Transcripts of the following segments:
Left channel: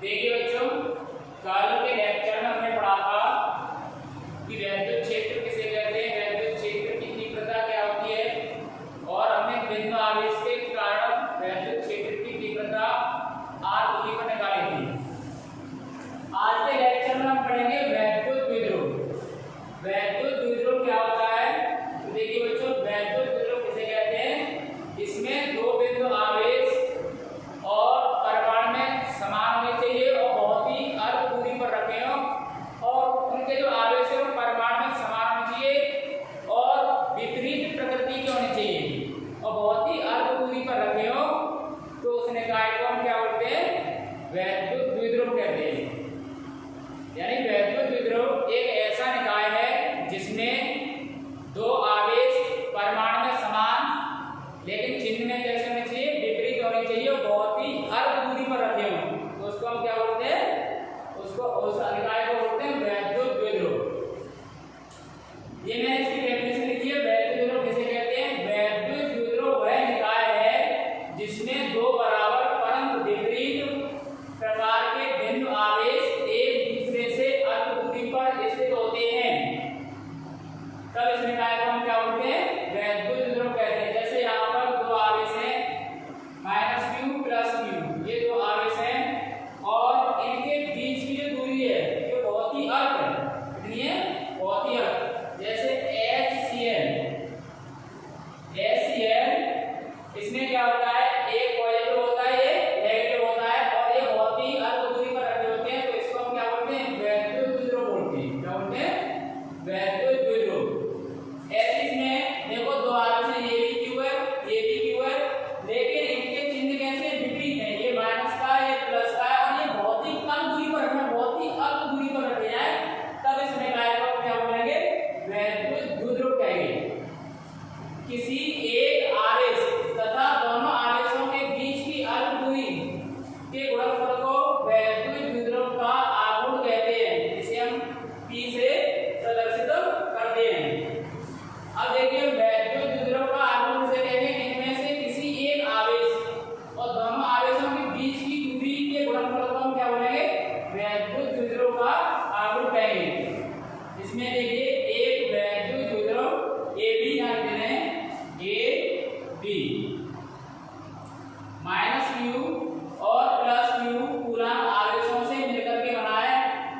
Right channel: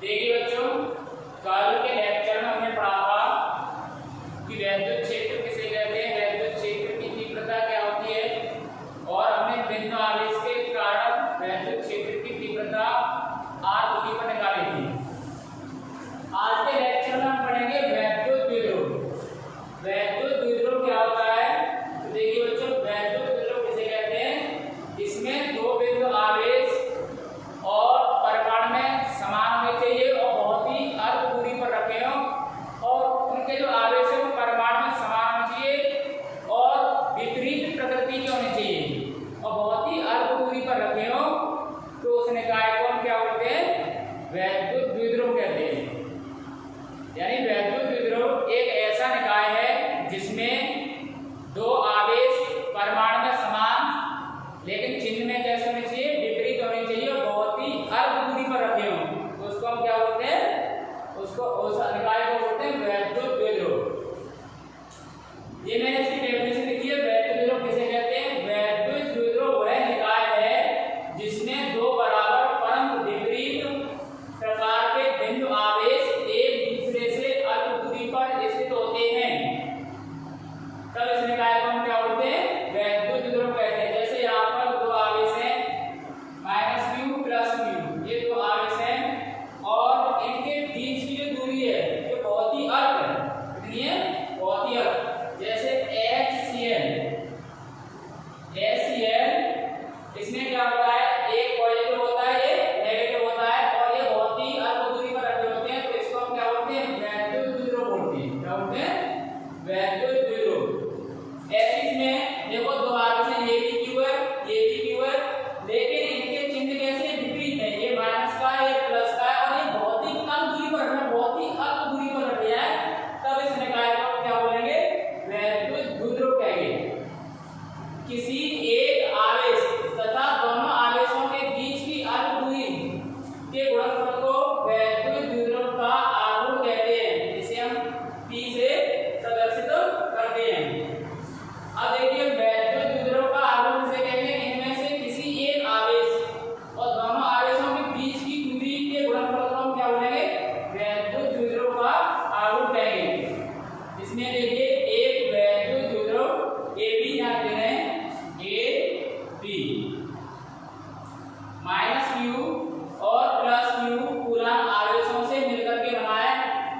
देखिए बच्चों, कल के लेक्चर में हमने पढ़ा था कि वैद्युत क्षेत्र किसे कहते हैं, वैद्युत क्षेत्र की तीव्रता क्या होती है, और हमने बिंदु आवेश के कारण वैद्युत क्षेत्र की तीव्रता r दूरी पर निकाली थी। आज के लेक्चर में हम पढ़ेंगे वैद्युत द्विध्रुव। वैद्युत द्विध्रुव क्या होता है? तो देखिए बच्चों, वैद्युत द्विध्रुव किसे कहते हैं? इसमें दो बिंदु आवेश और परिमाण में समान होने चाहिए और बहुत ही अल्प दूरी पर रखे हों, और उनके जो आवेश है वो परिमाण में समान होने चाहिए और विपरीत प्रकृति के होने चाहिए और बहुत ही अल्प दूरी पर रखे हों, तो उस निकाय को हम क्या बोलते हैं? वैद्युत द्विध्रुव कहते हैं। यानी वैद्युत द्विध्रुव एक ऐसा निकाय है जिसमें दो आवेश परिमाण में समान लेकिन चिन्ह में कैसे होने चाहिए? विपरीत होने चाहिए और बहुत ही अल्प दूरी पर रखे हों, तो उसको हम क्या बोलते हैं? उसको उस निकाय को बोलते हैं वैद्युत द्विध्रुव। ये मैंने इसकी डेफिनेशन लिखी है। वैद्युत द्विध्रुव किसे कहते हैं? वैद्युत द्विध्रुव वह निकाय है जिसमें दो बराबर परंतु विपरीत प्रकार के बिंदु आवेश एक दूसरे से अल्प दूरी पर स्थित होते हैं, तब इस निकाय को हम क्या बोलते हैं? वैद्युत द्विध्रुव कहते हैं। जैसे यहाँ पर दो आवेश हैं -q प्लस q, ये दो आवेश हैं और इनके बीच की जो दूरी है जो बहुत ही अल्प है, कितनी है? बहुत ही अल्प। जैसे HCl, इसमें क्या होता है? एक पॉजिटिव होता है, ये नेगेटिव होता है और ये बहुत ही अल्प दूरी पर रखे होते हैं, तो इसको हम क्या बोलते हैं? वैद्युत द्विध्रुव बोलते हैं। क्या बोलते हैं? वैद्युत द्विध्रुव। ऐसे इसमें देखो दो आवेश हैं, ये भी q है, ये भी q है, लेकिन इनके चिन्ह कैसे विपरीत है? ये माइनस का है, ये प्लस का है और ये बहुत ही कम दूरी पर रखना, बहुत ही अल्प दूरी पर रखे हैं, तब इस निकाय को हम क्या बोलेंगे? वैद्युत द्विध्रुव कहेंगे। किसी एक आवेश तथा दोनों आवेशों के बीच की अल्प दूरी के गुणनफल को वैद्युत द्विध्रुव का आघूर्ण कहते हैं, जिसे हम P से प्रदर्शित करते हैं। अब देखिए, वैद्युत द्विध्रुव का आघूर्ण से कहते हैं इनमें से किसी एक आवेश और दोनों आवेशों के बीच की दूरी के गुणनफल को हम क्या बोलेंगे? वैद्युत द्विध्रुव का आघूर्ण कहेंगे। इसमें देखिए एक वैद्युत द्विध्रुव AB यहाँ देते हैं, AB -q और +q कूलम आवेशों से मिलकर के बना है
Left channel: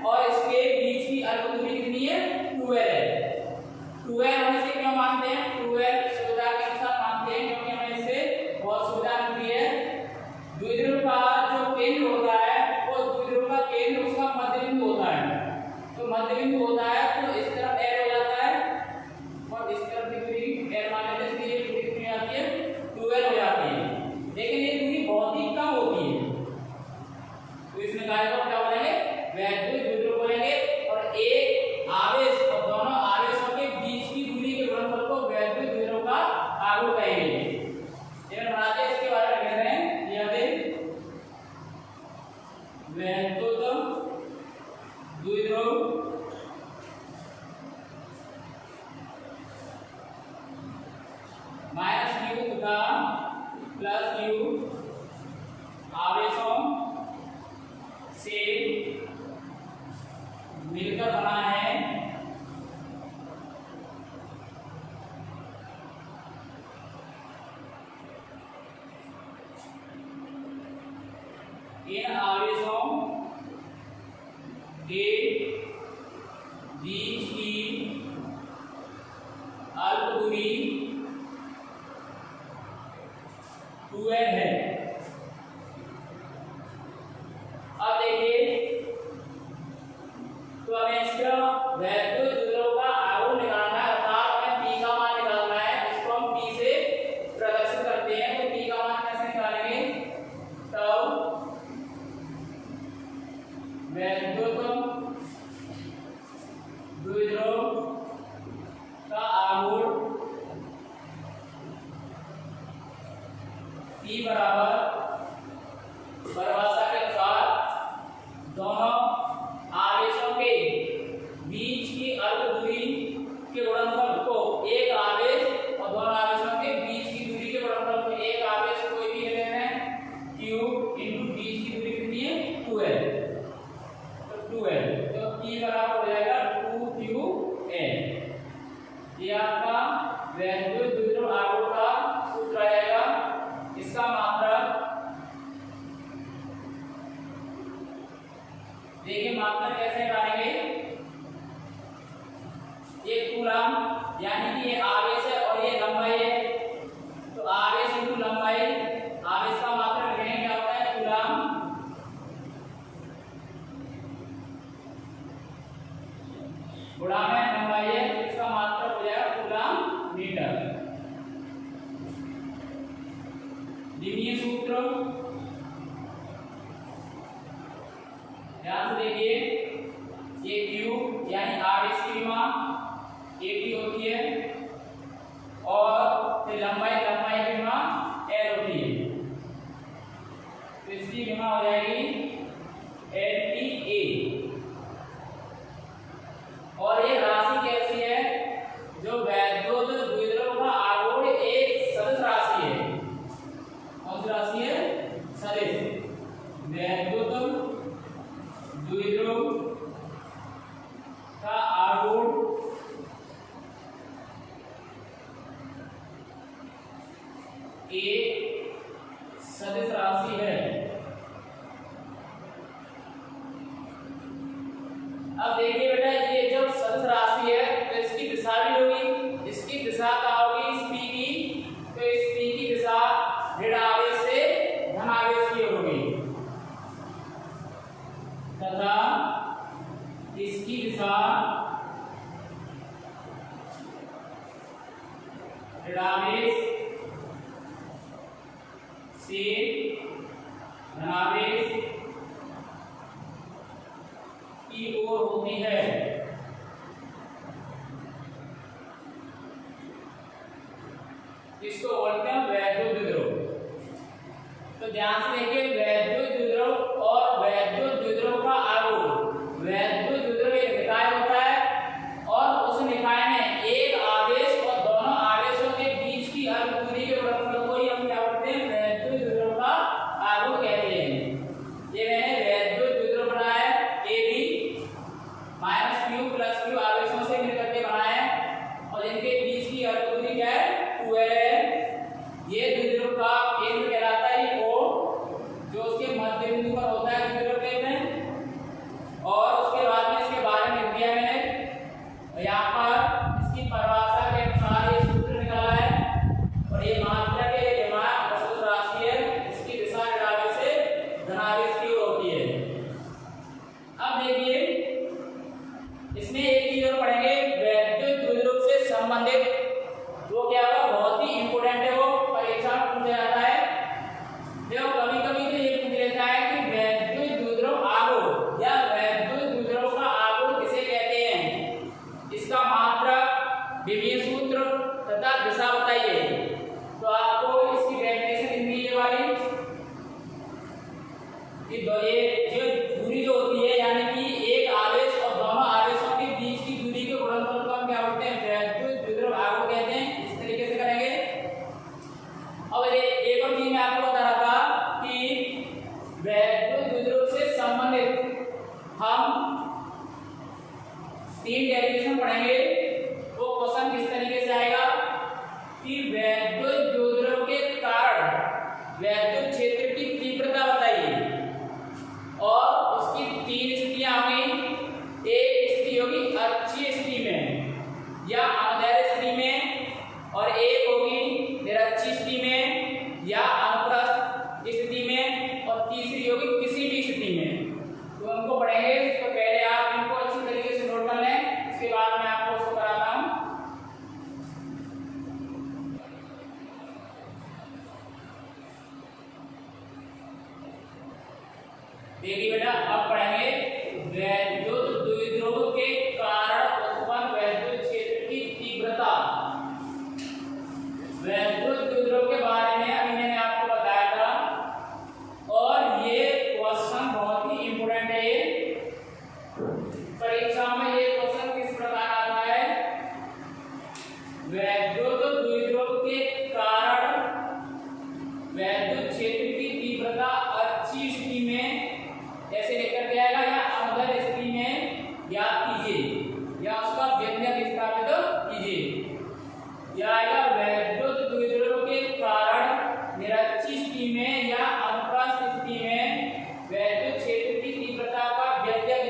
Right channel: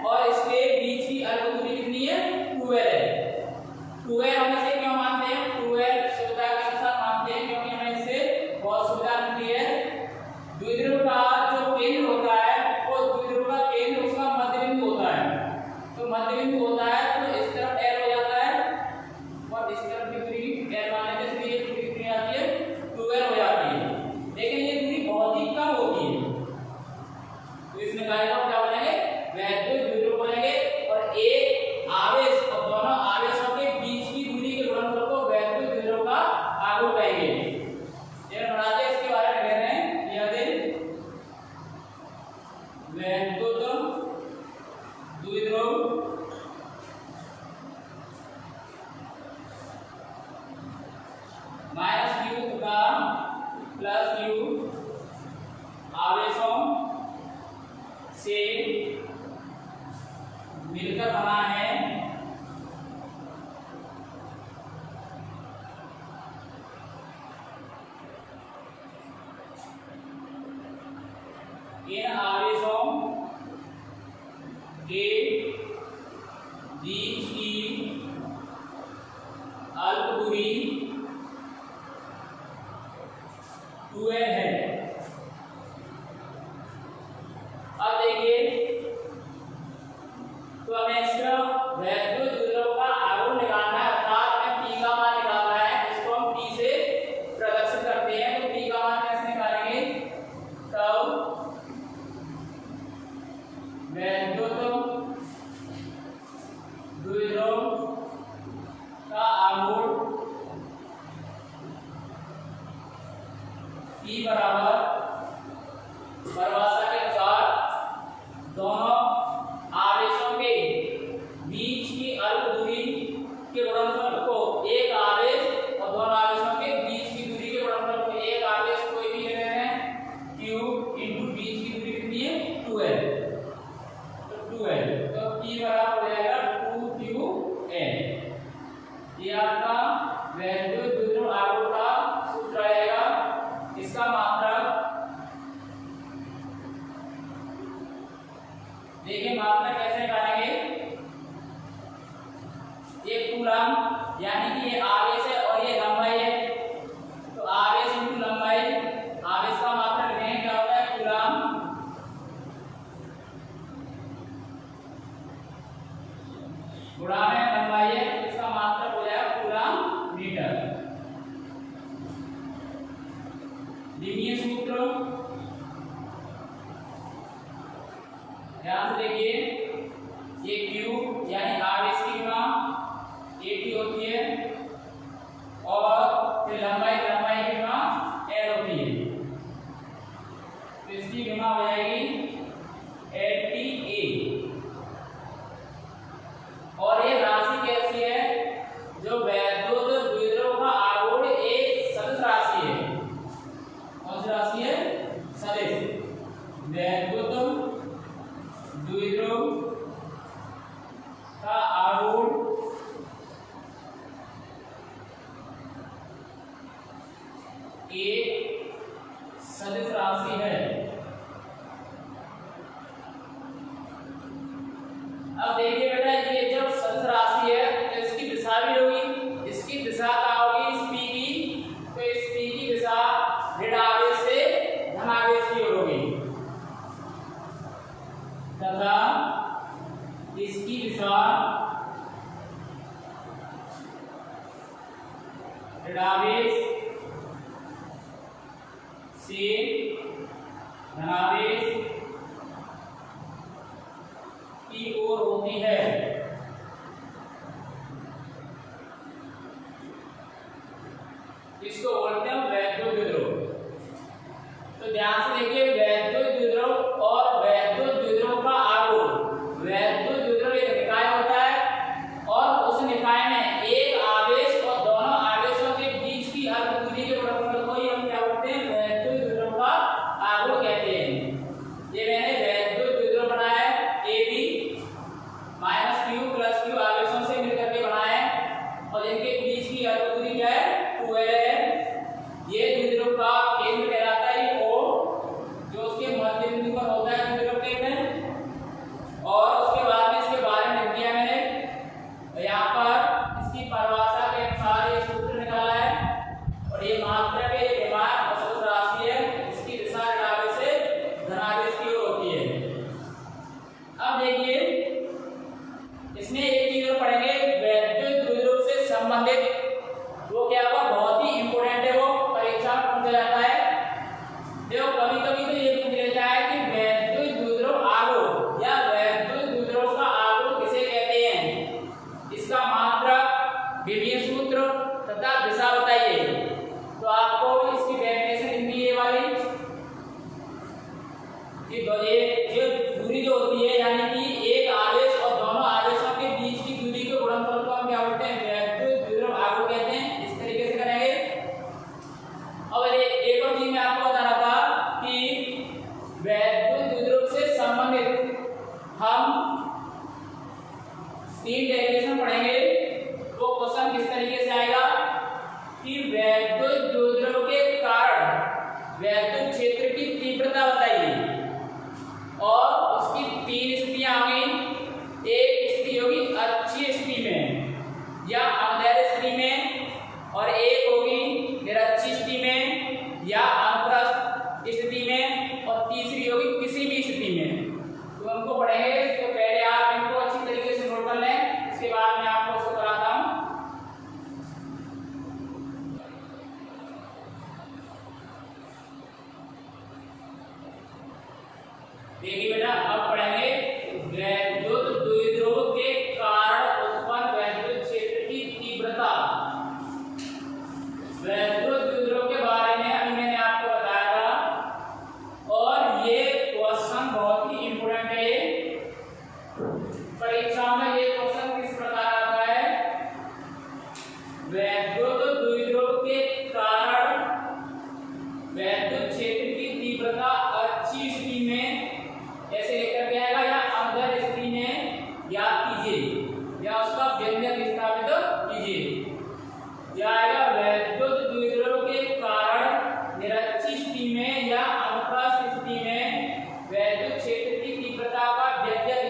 और इसके बीच की अल्प दूरी कितनी है? 2l है। 2l हम इसे क्यों मानते हैं? 2l सुविधा के अनुसार मानते हैं क्योंकि हमें इससे बहुत सुविधा मिलती है। द्विध्रुव का जो केंद्र होता है वो द्विध्रुव का केंद्र उसका मध्य बिंदु होता है, तो मध्य बिंदु होता है तो इस तरफ l हो जाता है और इस तरफ विपरीत l मान लेते हैं, इसलिए ये दूरी कितनी आती है? 2l हो जाती है, लेकिन ये दूरी बहुत ही कम होती है, तो इस निकाय को क्या बोलेंगे? वैद्युत द्विध्रुव बोलेंगे। और एक आवेश और दोनों आवेशों के बीच की दूरी के गुणनफल को वैद्युत द्विध्रुव का आघूर्ण कहेंगे। ये बनाते हैं, इसके बारे में कह रहे हैं यह दिन वैद्युत द्विध्रुव -q तथा +q आवेशों से मिलकर बना है इन आवेशों के बीच की अल्प दूरी 2l है। अब देखिए, तो हमें इसका वैद्युत द्विध्रुव का आघूर्ण निकालना है, अर्थात हमें P का मान निकालना है, इसको हम P से प्रदर्शित करते हैं। तो P का मान कैसे निकालेंगे? तब वैद्युत द्विध्रुव का आघूर्ण देखिए मात्रा कैसे निकालेंगे। ये कूलम यानी कि ये आवेश है और ये लंबाई है, तो आवेश इंटू लंबाई, आवेश का मात्रक लिखेंगे क्या होता है कूलम, गुणा में लंबाई है, इसका मात्रक हो जाएगा कूलम मीटर। द्विमीय सूत्र ध्यान से देखिए, ये Q यानी आवेश की विमा AT होती है और फिर लंबाई की विमा L होती है, तो इसकी विमा हो जाएगी LTA। और ये राशि कैसी है, जो वैद्युत द्विध्रुव का आघूर्ण एक सदिश राशि है। कौन सी राशि है, सदिश। वैद्युत द्विध्रुव का आघूर्ण एक सदिश राशि है। अब देखिए बेटा, ये जब सदिश राशि है तो इसकी दिशा भी होगी, इसकी दिशा क्या होगी, इस P की, तो इस P की दिशा ऋण आवेश से धन आवेश की ओर होगी तथा इसकी दिशा ऋण आवेश से धनावेश की ओर होती है। इसको बोलते हैं वैद्युत द्विध्रुव। तो ध्यान से देखिए, वैद्युत द्विध्रुव और वैद्युत द्विध्रुव का आघूर्ण। वैद्युत द्विध्रुव एक निकाय होता है और उस निकाय में एक आवेश और दोनों आवेशों के बीच की अर्ध दूरी के गुणनफल को ही हम क्या बोलते हैं, वैद्युत द्विध्रुव का आघूर्ण कहते हैं। ये मैंने वैद्युत द्विध्रुव बनाया है AB -Q + Q आवेशों से मिलकर के बनाया है और इनके बीच की अर्ध दूरी क्या है, 2L है। ये द्विध्रुव का केंद्र कहलाता है O, जो उसके मध्य बिंदु पर होता है द्विध्रुव कहते हैं। और उसके बाद में इसके बारे में लिख दिया मैंने, यहाँ पर इसकी परिभाषा के अनुसार ये सूत्र निकाला है और ये मात्रक है, ये विमान और सदिश राशि है, इसकी दिशा ऋण आवेश से धन आवेश की ओर होती है। अब देखिए, इसमें एक चीज और पढ़ेंगे, वैद्युत द्विध्रुव से संबंधित, वो क्या होगा, बहुत ही इंपोर्टेंट है, वो परीक्षा में पूछा जाता है। देखो कभी कभी तो ये पूछ लेता है कि वैद्युत द्विध्रुव आघूर्ण या वैद्युत द्विध्रुव का आघूर्ण किसे कहते हैं, इसका मात्रक, विभीय सूत्र तथा दिशा बताइए। तो आपको इसकी डेफिनेशन हिंदी ये वाली, ये जो दूरी जो होती है यानी कि एक आवेश और दोनों आवेशों के बीच की दूरी के गुणनफल को हम क्या बोलते हैं, वैद्युत द्विध्रुव आघूर्ण कहते हैं। इस तरीके से करेंगे। अब एक और चीज मैं आपको बता रहा था कि वैद्युत द्विध्रुव से संबंधित हम 3 डेरिवेशन पढ़ेंगे। वो क्वेश्चन किस तरीके से आएगा कि वैद्युत द्विध्रुव के कारण वैद्युत क्षेत्र की तीव्रता बताइए और उसकी 3 स्थितियां आ गई। एक स्थिति होगी अक्षीय स्थिति में या अनुदैर्घ्य स्थिति में, और एक होगी निरक्षीय स्थिति में या अनुप्रस्थ स्थिति में, और तीसरी होगी किसी भी स्थिति में। तो उनको पढ़ेंगे। तो पहले आप इनको अच्छी तरीके से नोट कर लें, इसके बाद मैं आपको उसको कराता हूँ। देखिए बेटा, अब पढ़ेंगे वैद्युत द्विध्रुव के कारण उत्पन्न वैद्युत क्षेत्र की तीव्रता। वैद्युत द्विध्रुव के बारे में अभी मैंने आपको बताया था और ये क्वेश्चन बहुत ही इंपोर्टेंट है। ये परीक्षा में ये क्वेश्चन किस प्रकार आता है, वैद्युत द्विध्रुव के कारण वैद्युत क्षेत्र की तीव्रता अच्छी स्थिति में ऐसे लेकर के आएगा या अनुदैर्घ्य स्थिति में याद कीजिए या उसका व्यंजक स्थापित कीजिए। यह आएगा वैद्युत द्विध्रुव के कारण निरक्षीय स्थिति में या अनुप्रस्थ स्थिति में वैद्युत क्षेत्र की तीव्रता का व्यंजक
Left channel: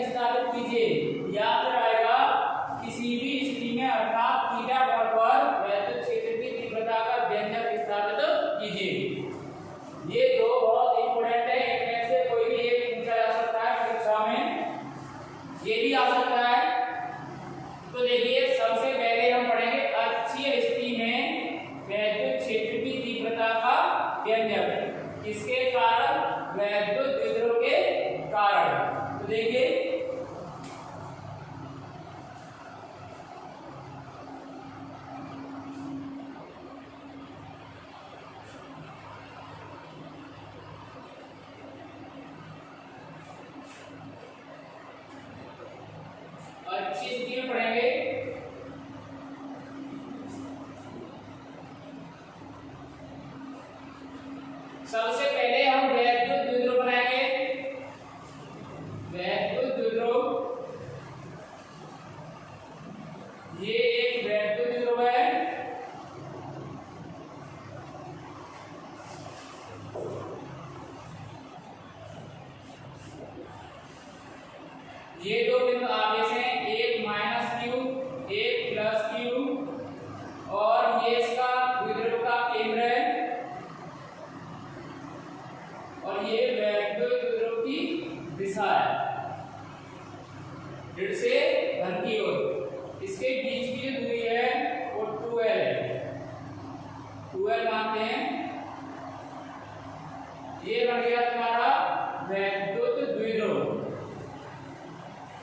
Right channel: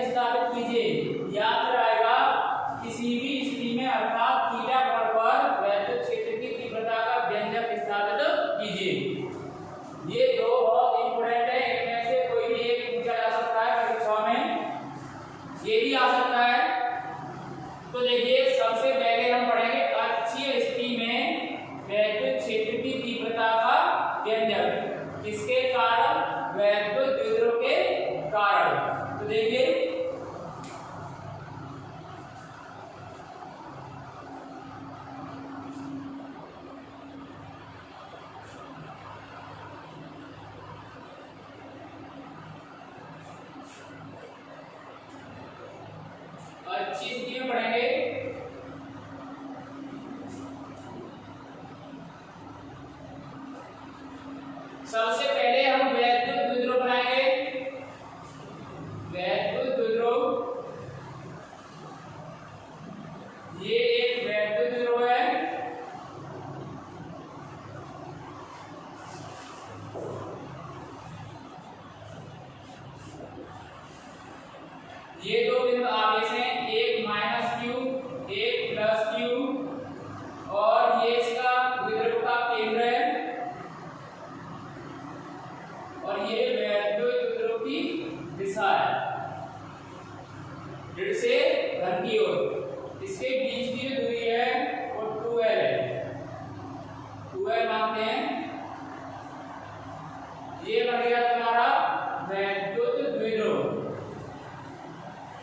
देखिए अच्छी स्थिति में पढ़ेंगे। सबसे पहले हम वैद्युत द्विध्रुव बनाएंगे। वैद्युत द्विध्रुव, ये एक वैद्युत द्विध्रुव है। ये दो बिंदु आवेश हैं, एक -q, एक +q, और ये इसका द्विध्रुव का केंद्र है और ये वैद्युत द्विध्रुव की दिशा है, ऋण से धन की ओर। इसके बीच की जो दूरी है वो 2l है, 2l मानते हैं। ये बन गया तुम्हारा वैद्युत द्विध्रुव।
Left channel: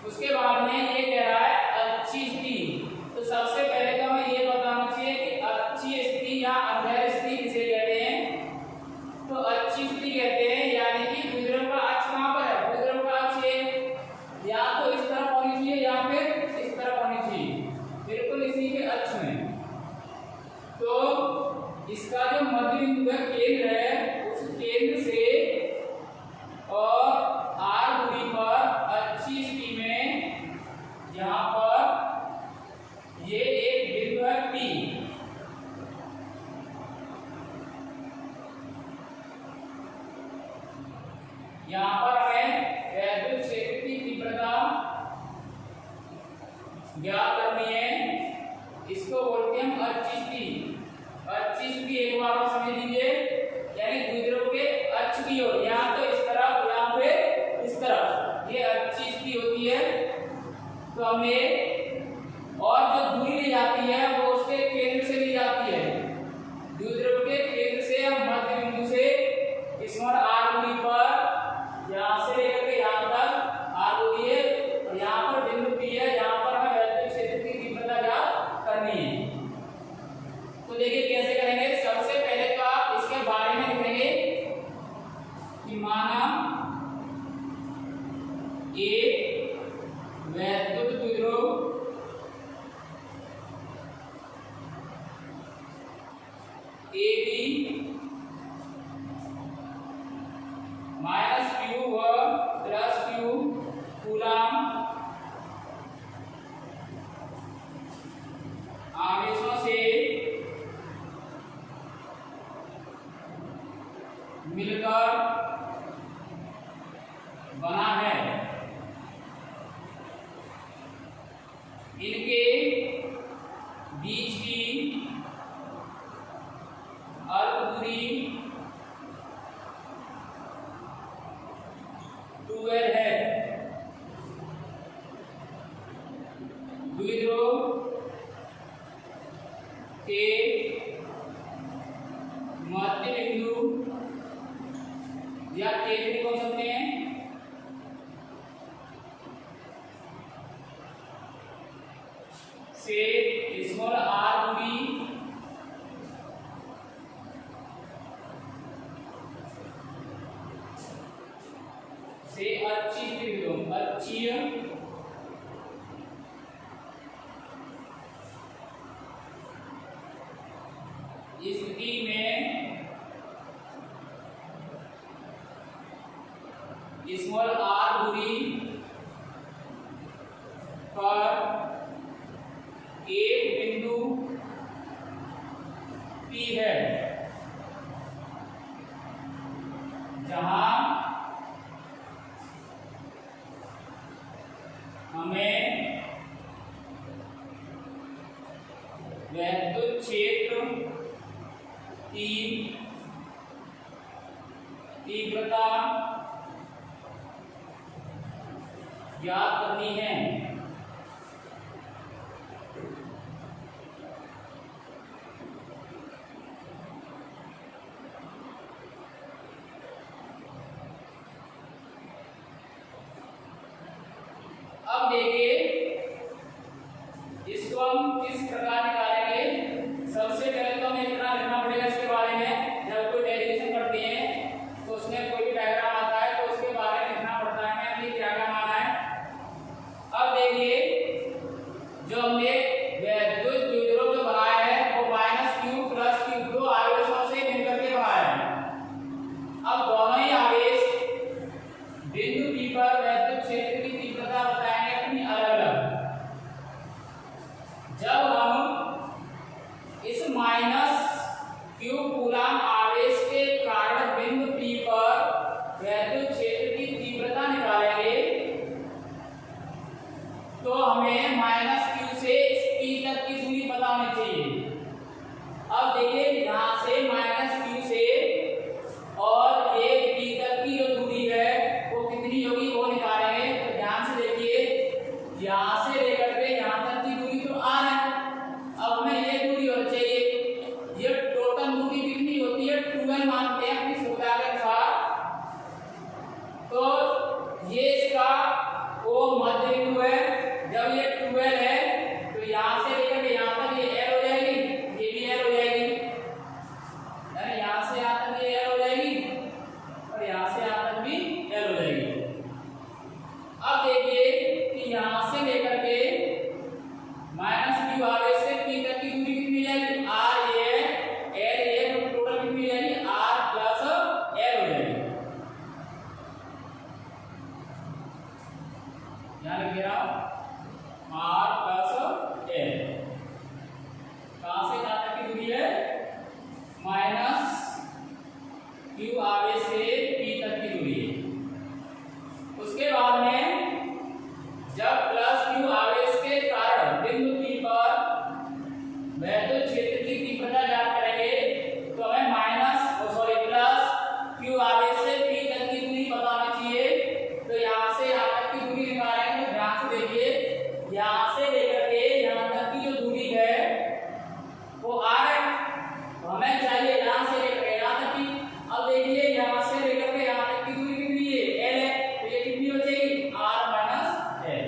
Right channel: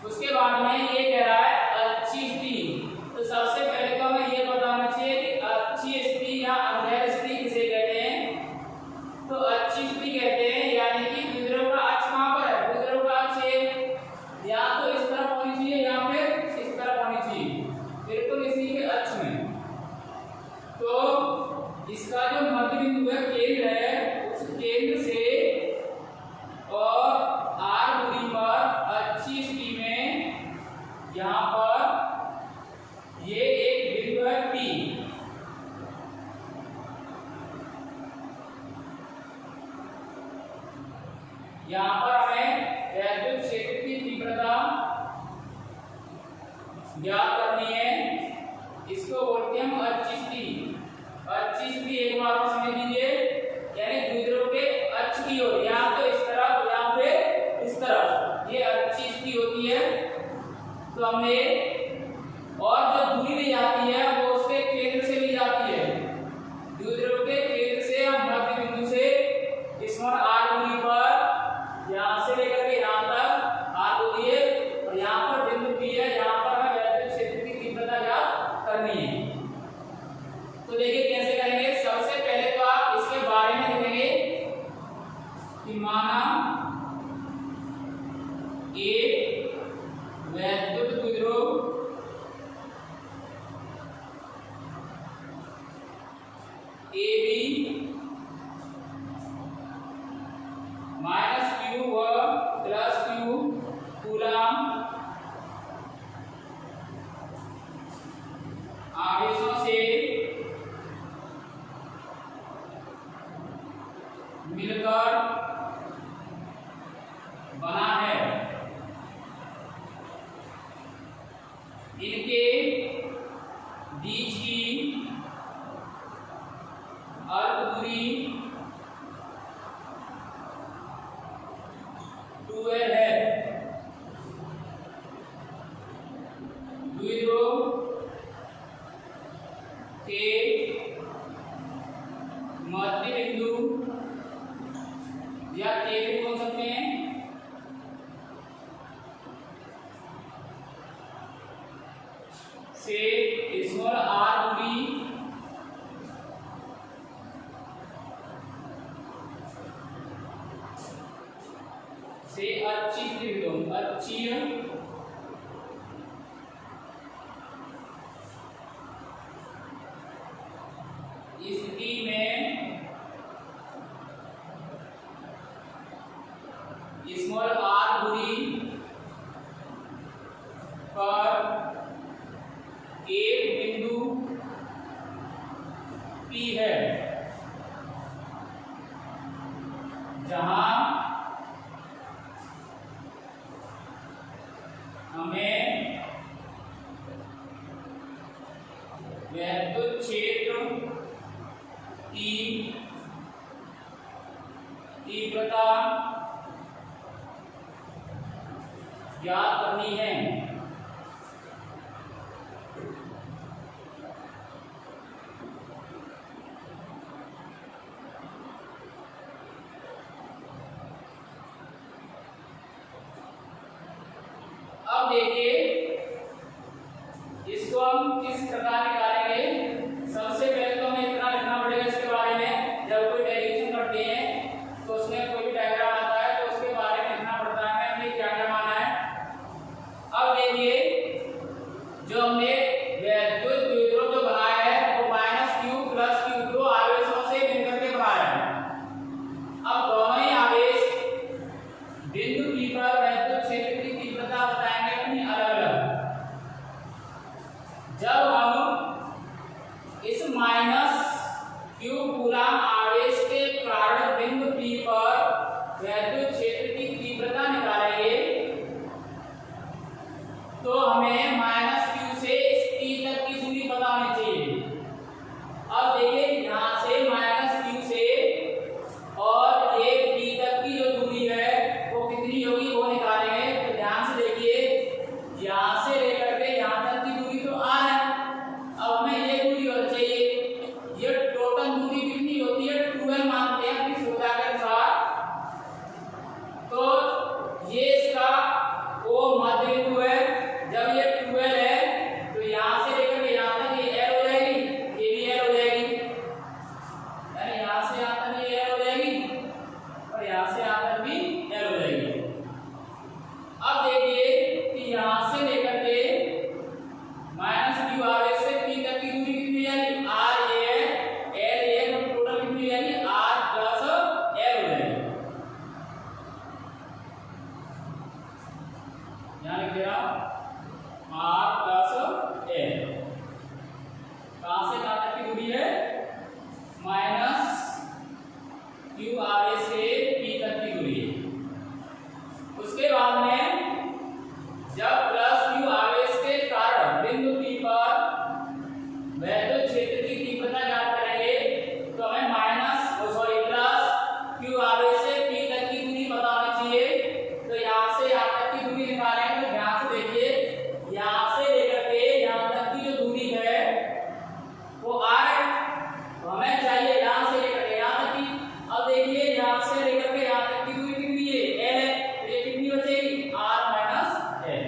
उसके बाद में ये कह रहा है अच्छी स्थिति। तो सबसे पहले तो हमें ये बताना चाहिए कि अच्छी स्थिति या अंधेर स्थिति किसे कहते हैं। तो अच्छी स्थिति कहते हैं यानी कि द्विध्रुव का अक्ष कहां पर है, द्विध्रुव का अक्ष या तो इस तरफ होनी चाहिए या फिर इस तरफ होनी चाहिए, बिल्कुल इसी के अक्ष में। तो इसका जो मध्य बिंदु है, केंद्र है, उस केंद्र से और r दूरी पर अच्छी स्थिति में यहाँ पर ये एक बिंदु है P। यहाँ पर हमें वैद्युत क्षेत्र की तीव्रता ज्ञात करनी है। इसको बोलते हैं हम अच्छी स्थिति। अच्छी स्थिति एक बार और समझ लीजिए, यानी द्विध्रुव के अक्ष की ओर, या तो इस तरफ या फिर इस तरफ, ये अच्छी स्थिति होती है। तो हमने और जो दूरी ली जाती है वो उसके केंद्र से ली जाती है। द्विध्रुव के केंद्र से हम मध्य बिंदु से इसमें r दूरी पर यहाँ से लेकर के यहाँ तक r दूरी है और यहाँ पर बिंदु P है जहाँ पर हमें वैद्युत क्षेत्र की तीव्रता ज्ञात करनी है। तो देखिए कैसे करेंगे। सबसे पहले तो आप इसके बारे में लिखेंगे कि माना एक वैद्युत द्विध्रुव AB -q व +q कूलाम आवेशों से मिलकर बना है। इनके बीच की अल्प दूरी 2l है। द्विध्रुव के मध्य बिंदु या केंद्र बोल सकते हैं से स्मॉल r दूरी से अच्छी स्थिति, अच्छी स्थिति में स्मॉल r दूरी पर एक बिंदु P है जहां हमें वैद्युत क्षेत्र की तीव्रता ज्ञात करनी है। देखिए इसको हम किस प्रकार निकालेंगे। सबसे पहले तो हमें इतना लिखना पड़ेगा इसके बारे में, जब कोई डेरिवेशन करते हैं तो उसमें कोई भी डायग्राम आता है तो उसके बारे में लिखना पड़ता है हमें क्या क्या माना है। अब देखिए जो हमने वैद्युत द्विध्रुव जो बनाया है वो -q + q दो आवेशों से मिलकर के बनाया है। अब दोनों ही आवेश बिंदु P पर वैद्युत क्षेत्र की तीव्रता बताएंगे अपनी अलग अलग। जब हम इस -q कूलम आवेश के कारण बिंदु P पर वैद्युत क्षेत्र की तीव्रता निकालेंगे तो हमें -q से इस P तक की दूरी पता होनी चाहिए। अब देखिए यहाँ से -q से और ये P तक की जो दूरी है वो कितनी होगी वो निकालेंगे। तो ध्यान से देखिए यहाँ से लेकर के यहाँ तक की दूरी तो r है। अब हमें ये दूरी होनी चाहिए, ये टोटल दूरी कितनी होती है 12 मानते हैं अपनी सुविधा के अनुसार। तो ये इसका वो मध्य बिंदु है। जब ये 12 है तो यहाँ से लेकर के यहाँ तक ये l हो जाएगी, ये भी l हो जाएगी, यानी यहाँ से यहाँ तक ये l हो जाएगी और यहाँ से यहाँ तक भी l हो जाएगी। अब देखिए कि यहाँ से लेकर के -q आवेश से P तक की दूरी कितनी आएगी, r ये l ये टोटल कितनी आएगी r + l हो जाएगी। यहाँ लिख दे रहा हूँ r + l। कहाँ से कहाँ तक की दूरी है, -q आवेश से P तक की दूरी है। उसके बाद में जब +q आवेश के कारण बिंदु P पर वैद्युत क्षेत्र की तीव्रता ज्ञात करेंगे तो हमें +q आवेश से P तक की दूरी पता होनी चाहिए। तो यहाँ से यहाँ तक की दूरी निकालेंगे। तो ध्यान से देखिए यहाँ से लेकर के यहाँ तक की जो दूरी है वो r है, तो हमें चाहिए यहाँ से लेकर के यहाँ तक की। अब देखिए यहाँ से लेकर के यहाँ तक की दूरी कितनी है, l है, तो ये कितनी हो जाएगी r - l।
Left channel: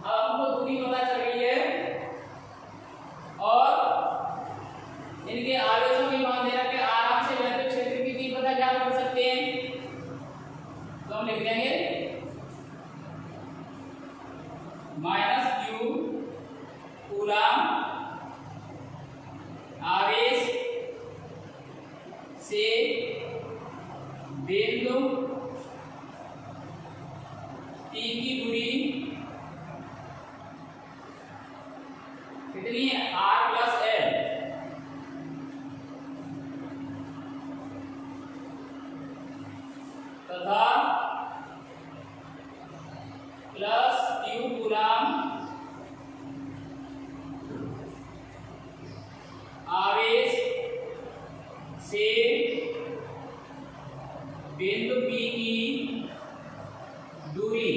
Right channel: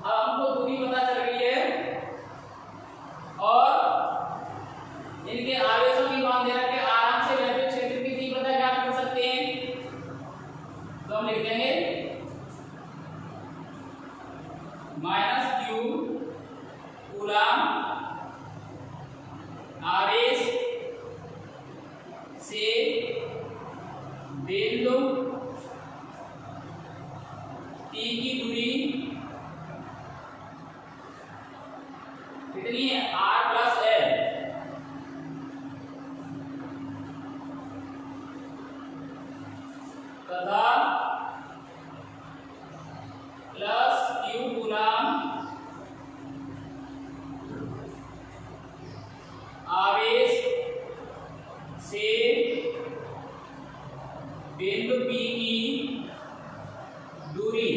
अब हमको दूरी पता चल गई है और इनके आवेशों की मान दे रखे, आराम से वैद्युत क्षेत्र की तीव्रता ज्ञात कर सकते हैं। तो हम लिख देंगे -q कूलम आवेश से बिंदु P की दूरी कितनी है r + l। तथा +q कूलम आवेश से बिंदु P की दूरी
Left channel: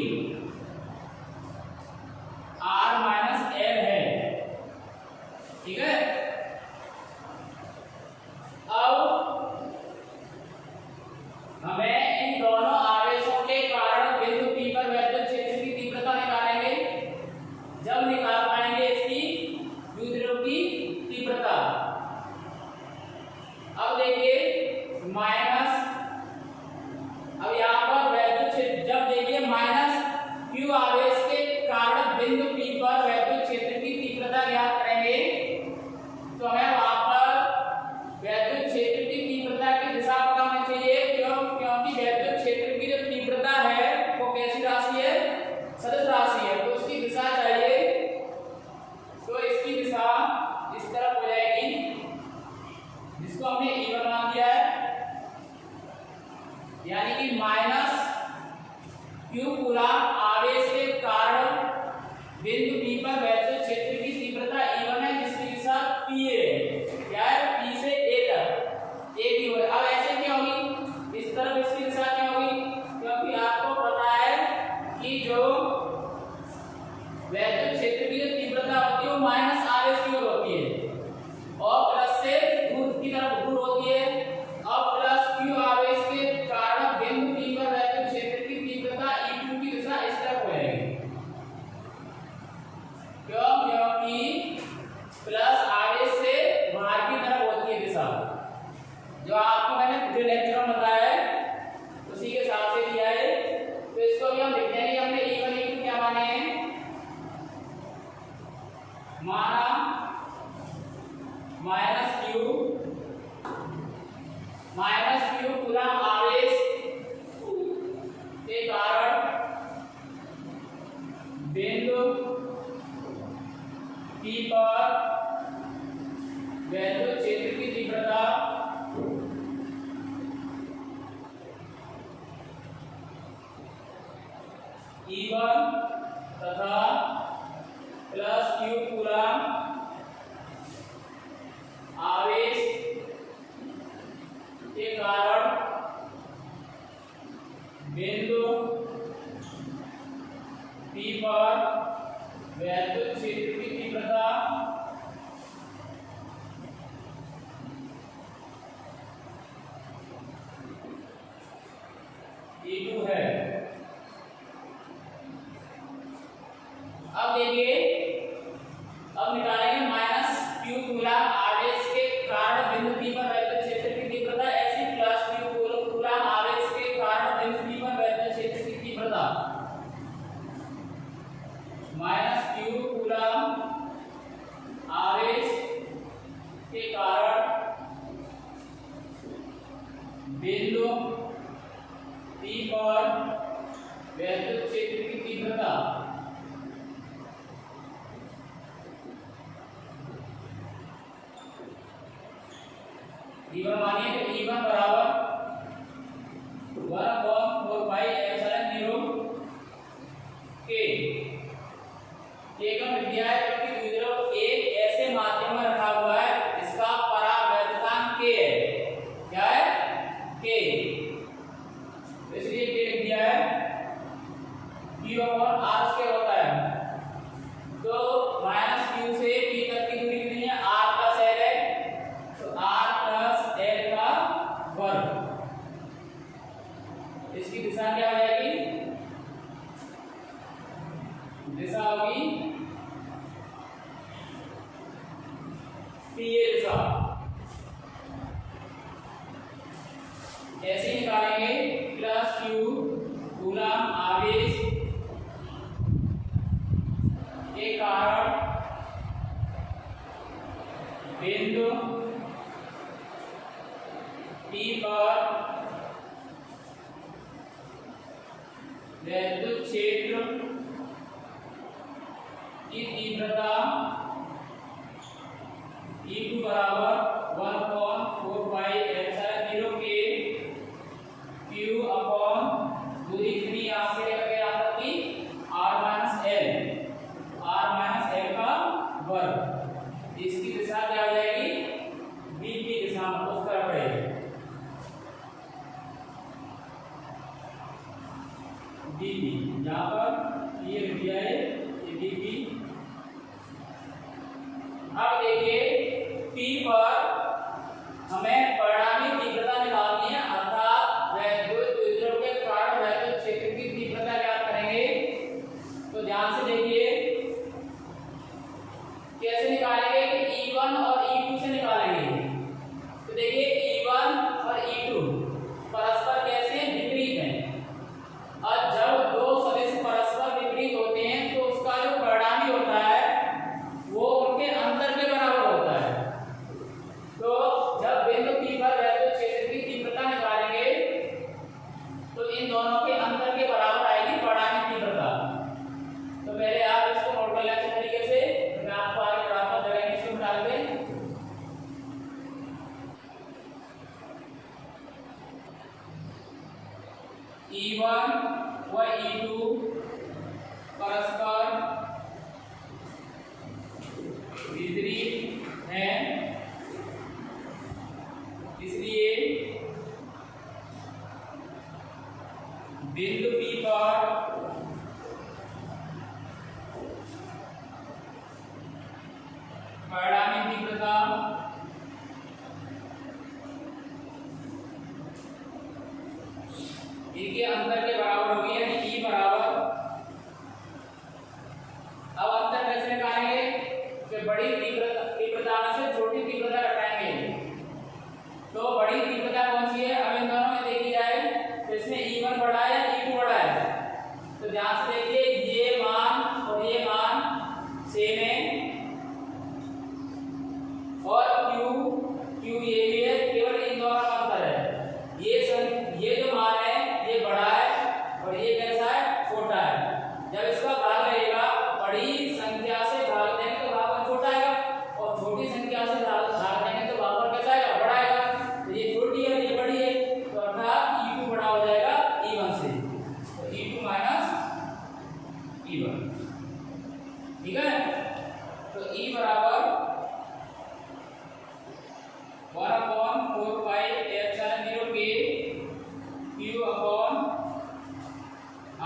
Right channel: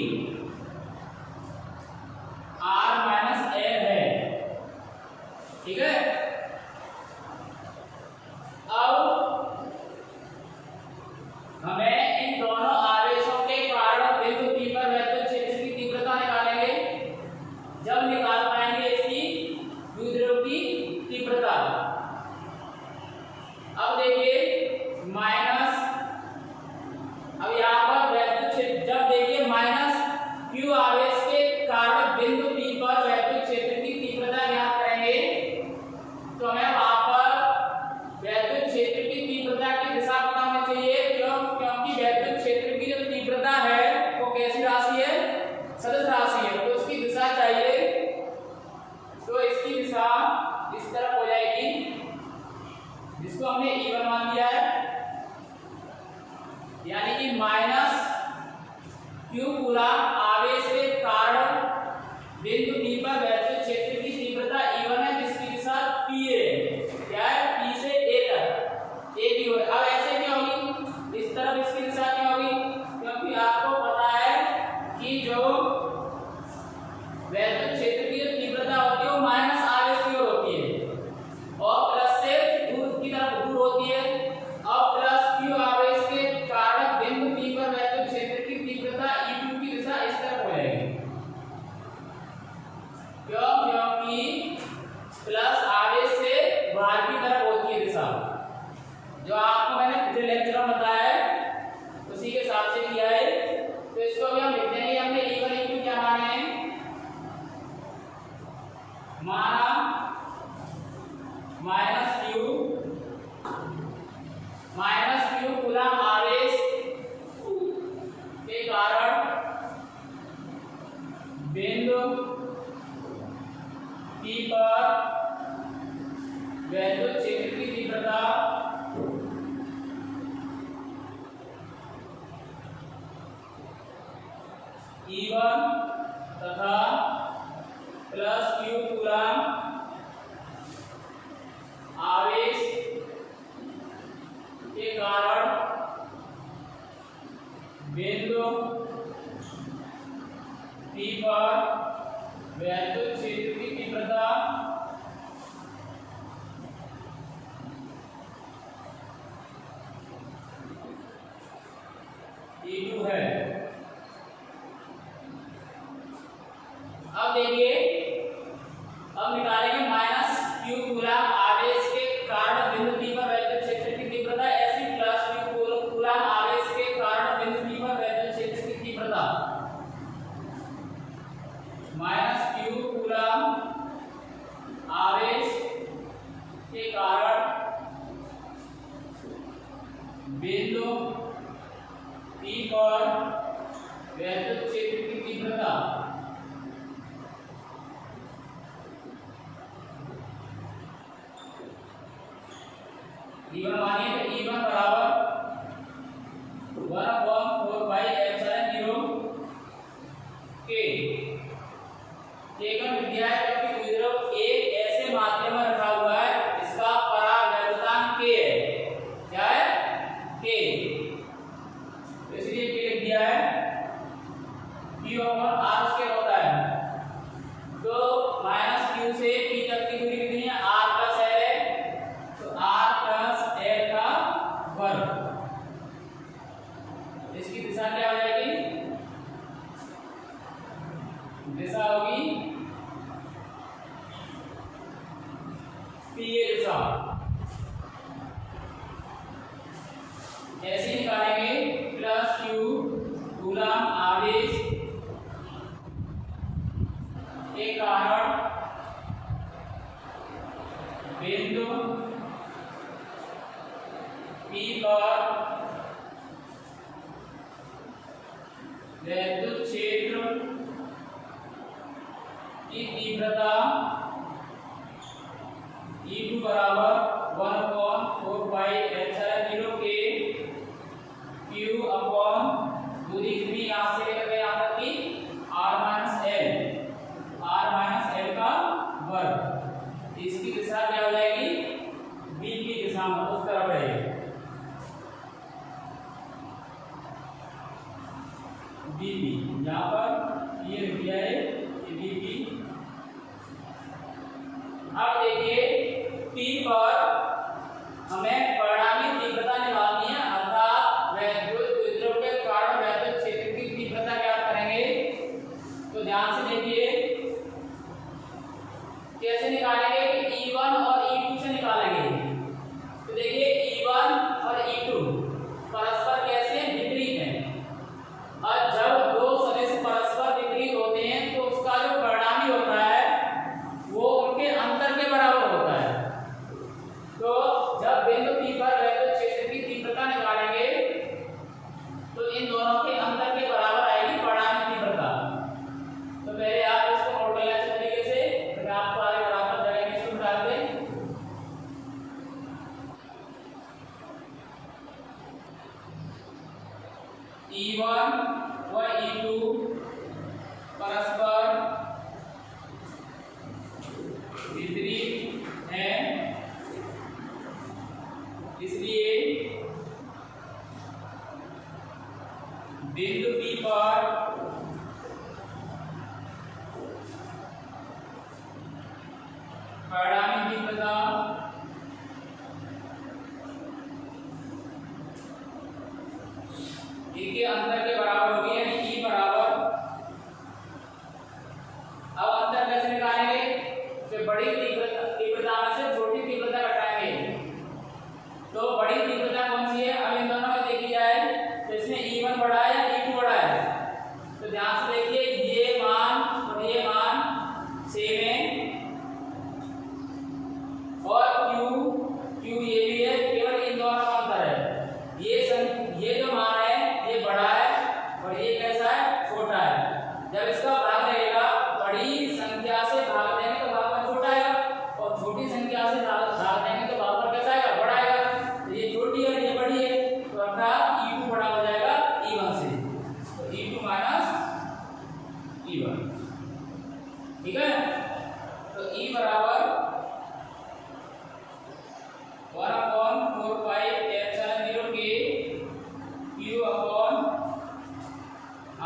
बिंदु P पर वैद्युत क्षेत्र की तीव्रता E1 तथा प्लस Q कूलम आवेश के कारण बिंदु P पर वैद्युत क्षेत्र की तीव्रता E2 है। अब देखिए, अब निकालेंगे माइनस Q कूलम आवेश के कारण बिंदु P पर वैद्युत क्षेत्र की तीव्रता, ऐसी प्लस Q कूलम आवेश के कारण बिंदु P पर वैद्युत क्षेत्र की तीव्रता माइनस Q कूलम आवेश के कारण बिंदु P पर वैद्युत क्षेत्र की तीव्रता E1 मानिए तो E1 बराबर 1/4 पाई एप्सिलॉन 0 K। केवल विद्याय की द्विध्रुव एक ऐसे माध्यम में रखा हुआ है इसका परावैद्युतांक K है। क्या है? K। तो इसलिए K लिख दिया है। Q और R उसके होता है, तो माइनस Q से P तक की दूरी कितनी है? R प्लस L है, तो R प्लस L का वर्ग। इसकी दिशा क्या हो जाएगी? दिशा होगी P दिशा। ऐसे निकालेंगे प्लस Q कूलम आवेश के कारण बिंदु P पर वैद्युत क्षेत्र की तीव्रता E2 बराबर 1/4 pi epsilon 0 K Q upon दूरी कितनी यहाँ से लेकर यहाँ तक की R माइनस L का वर्ग। इसकी दिशा क्या हो जाएगी? B की दिशा में उस तरफ रहेगी। BP यहाँ पर ये लिख दिया है ये BP। अब देखिए P पर हमें परिणामी तीव्रता निकालनी है, अर्थात वैद्युत द्विध्रुव के कारण वैद्युत क्षेत्र की तीव्रता ज्ञात करेंगे। तो ध्यान से देखिए कैसे निकालेंगे कि E1 और E2 से निकालेंगे। तो देखिए E1 और E2 परस्पर कैसे विपरीत हैं, और जब दो सदिश परस्पर विपरीत होते हैं तो उसका जो परिणामी होता है वो उनके अंतर के बराबर होता है। तो जब बिंदु P पर वैद्युत क्षेत्र की तीव्रता निकालेंगे तो इन दोनों के अंतर के बराबर आएगी परिणामी तीव्रता। तो पहले आप इसको नोट कर लें अच्छे तरीके से, फिर आपको आगे बराबर जगह इसको डाल दें। E1 व E2 परस्पर विपरीत हैं, इसलिए बिंदु P पर परिणामी तीव्रता E के अंतर के बराबर होगी, यानी E बराबर। अब अंतर कैसे निकालेंगे? तो बड़ी तीव्रता में से छोटी तीव्रता घटाएंगे। तो बड़ी तीव्रता कौन सी है? अब इन दोनों में देखी जाए तो इसमें E1 बड़ा है या E2 बड़ा है? तो ध्यान से देखिए ये मान और ये मान सेम है, और Q ये भी है, केवल इन दोनों का अंतर है। ये जो मान है ये बड़ा है और ये कैसा है? छोटा है। जब इसका भाग लगेगा बड़ी संख्या से भाग देंगे तो भागफल छोटा आएगा, और छोटी संख्या से भाग देंगे तो भागफल कैसा आएगा, बड़ा आएगा। तो ये छोटी है ये बड़ी है, तो अर्थात E2 बड़ा हो जाएगा E1 से, तो E2 माइनस E1, ठीक है। तो E बराबर 1/4 के Q upon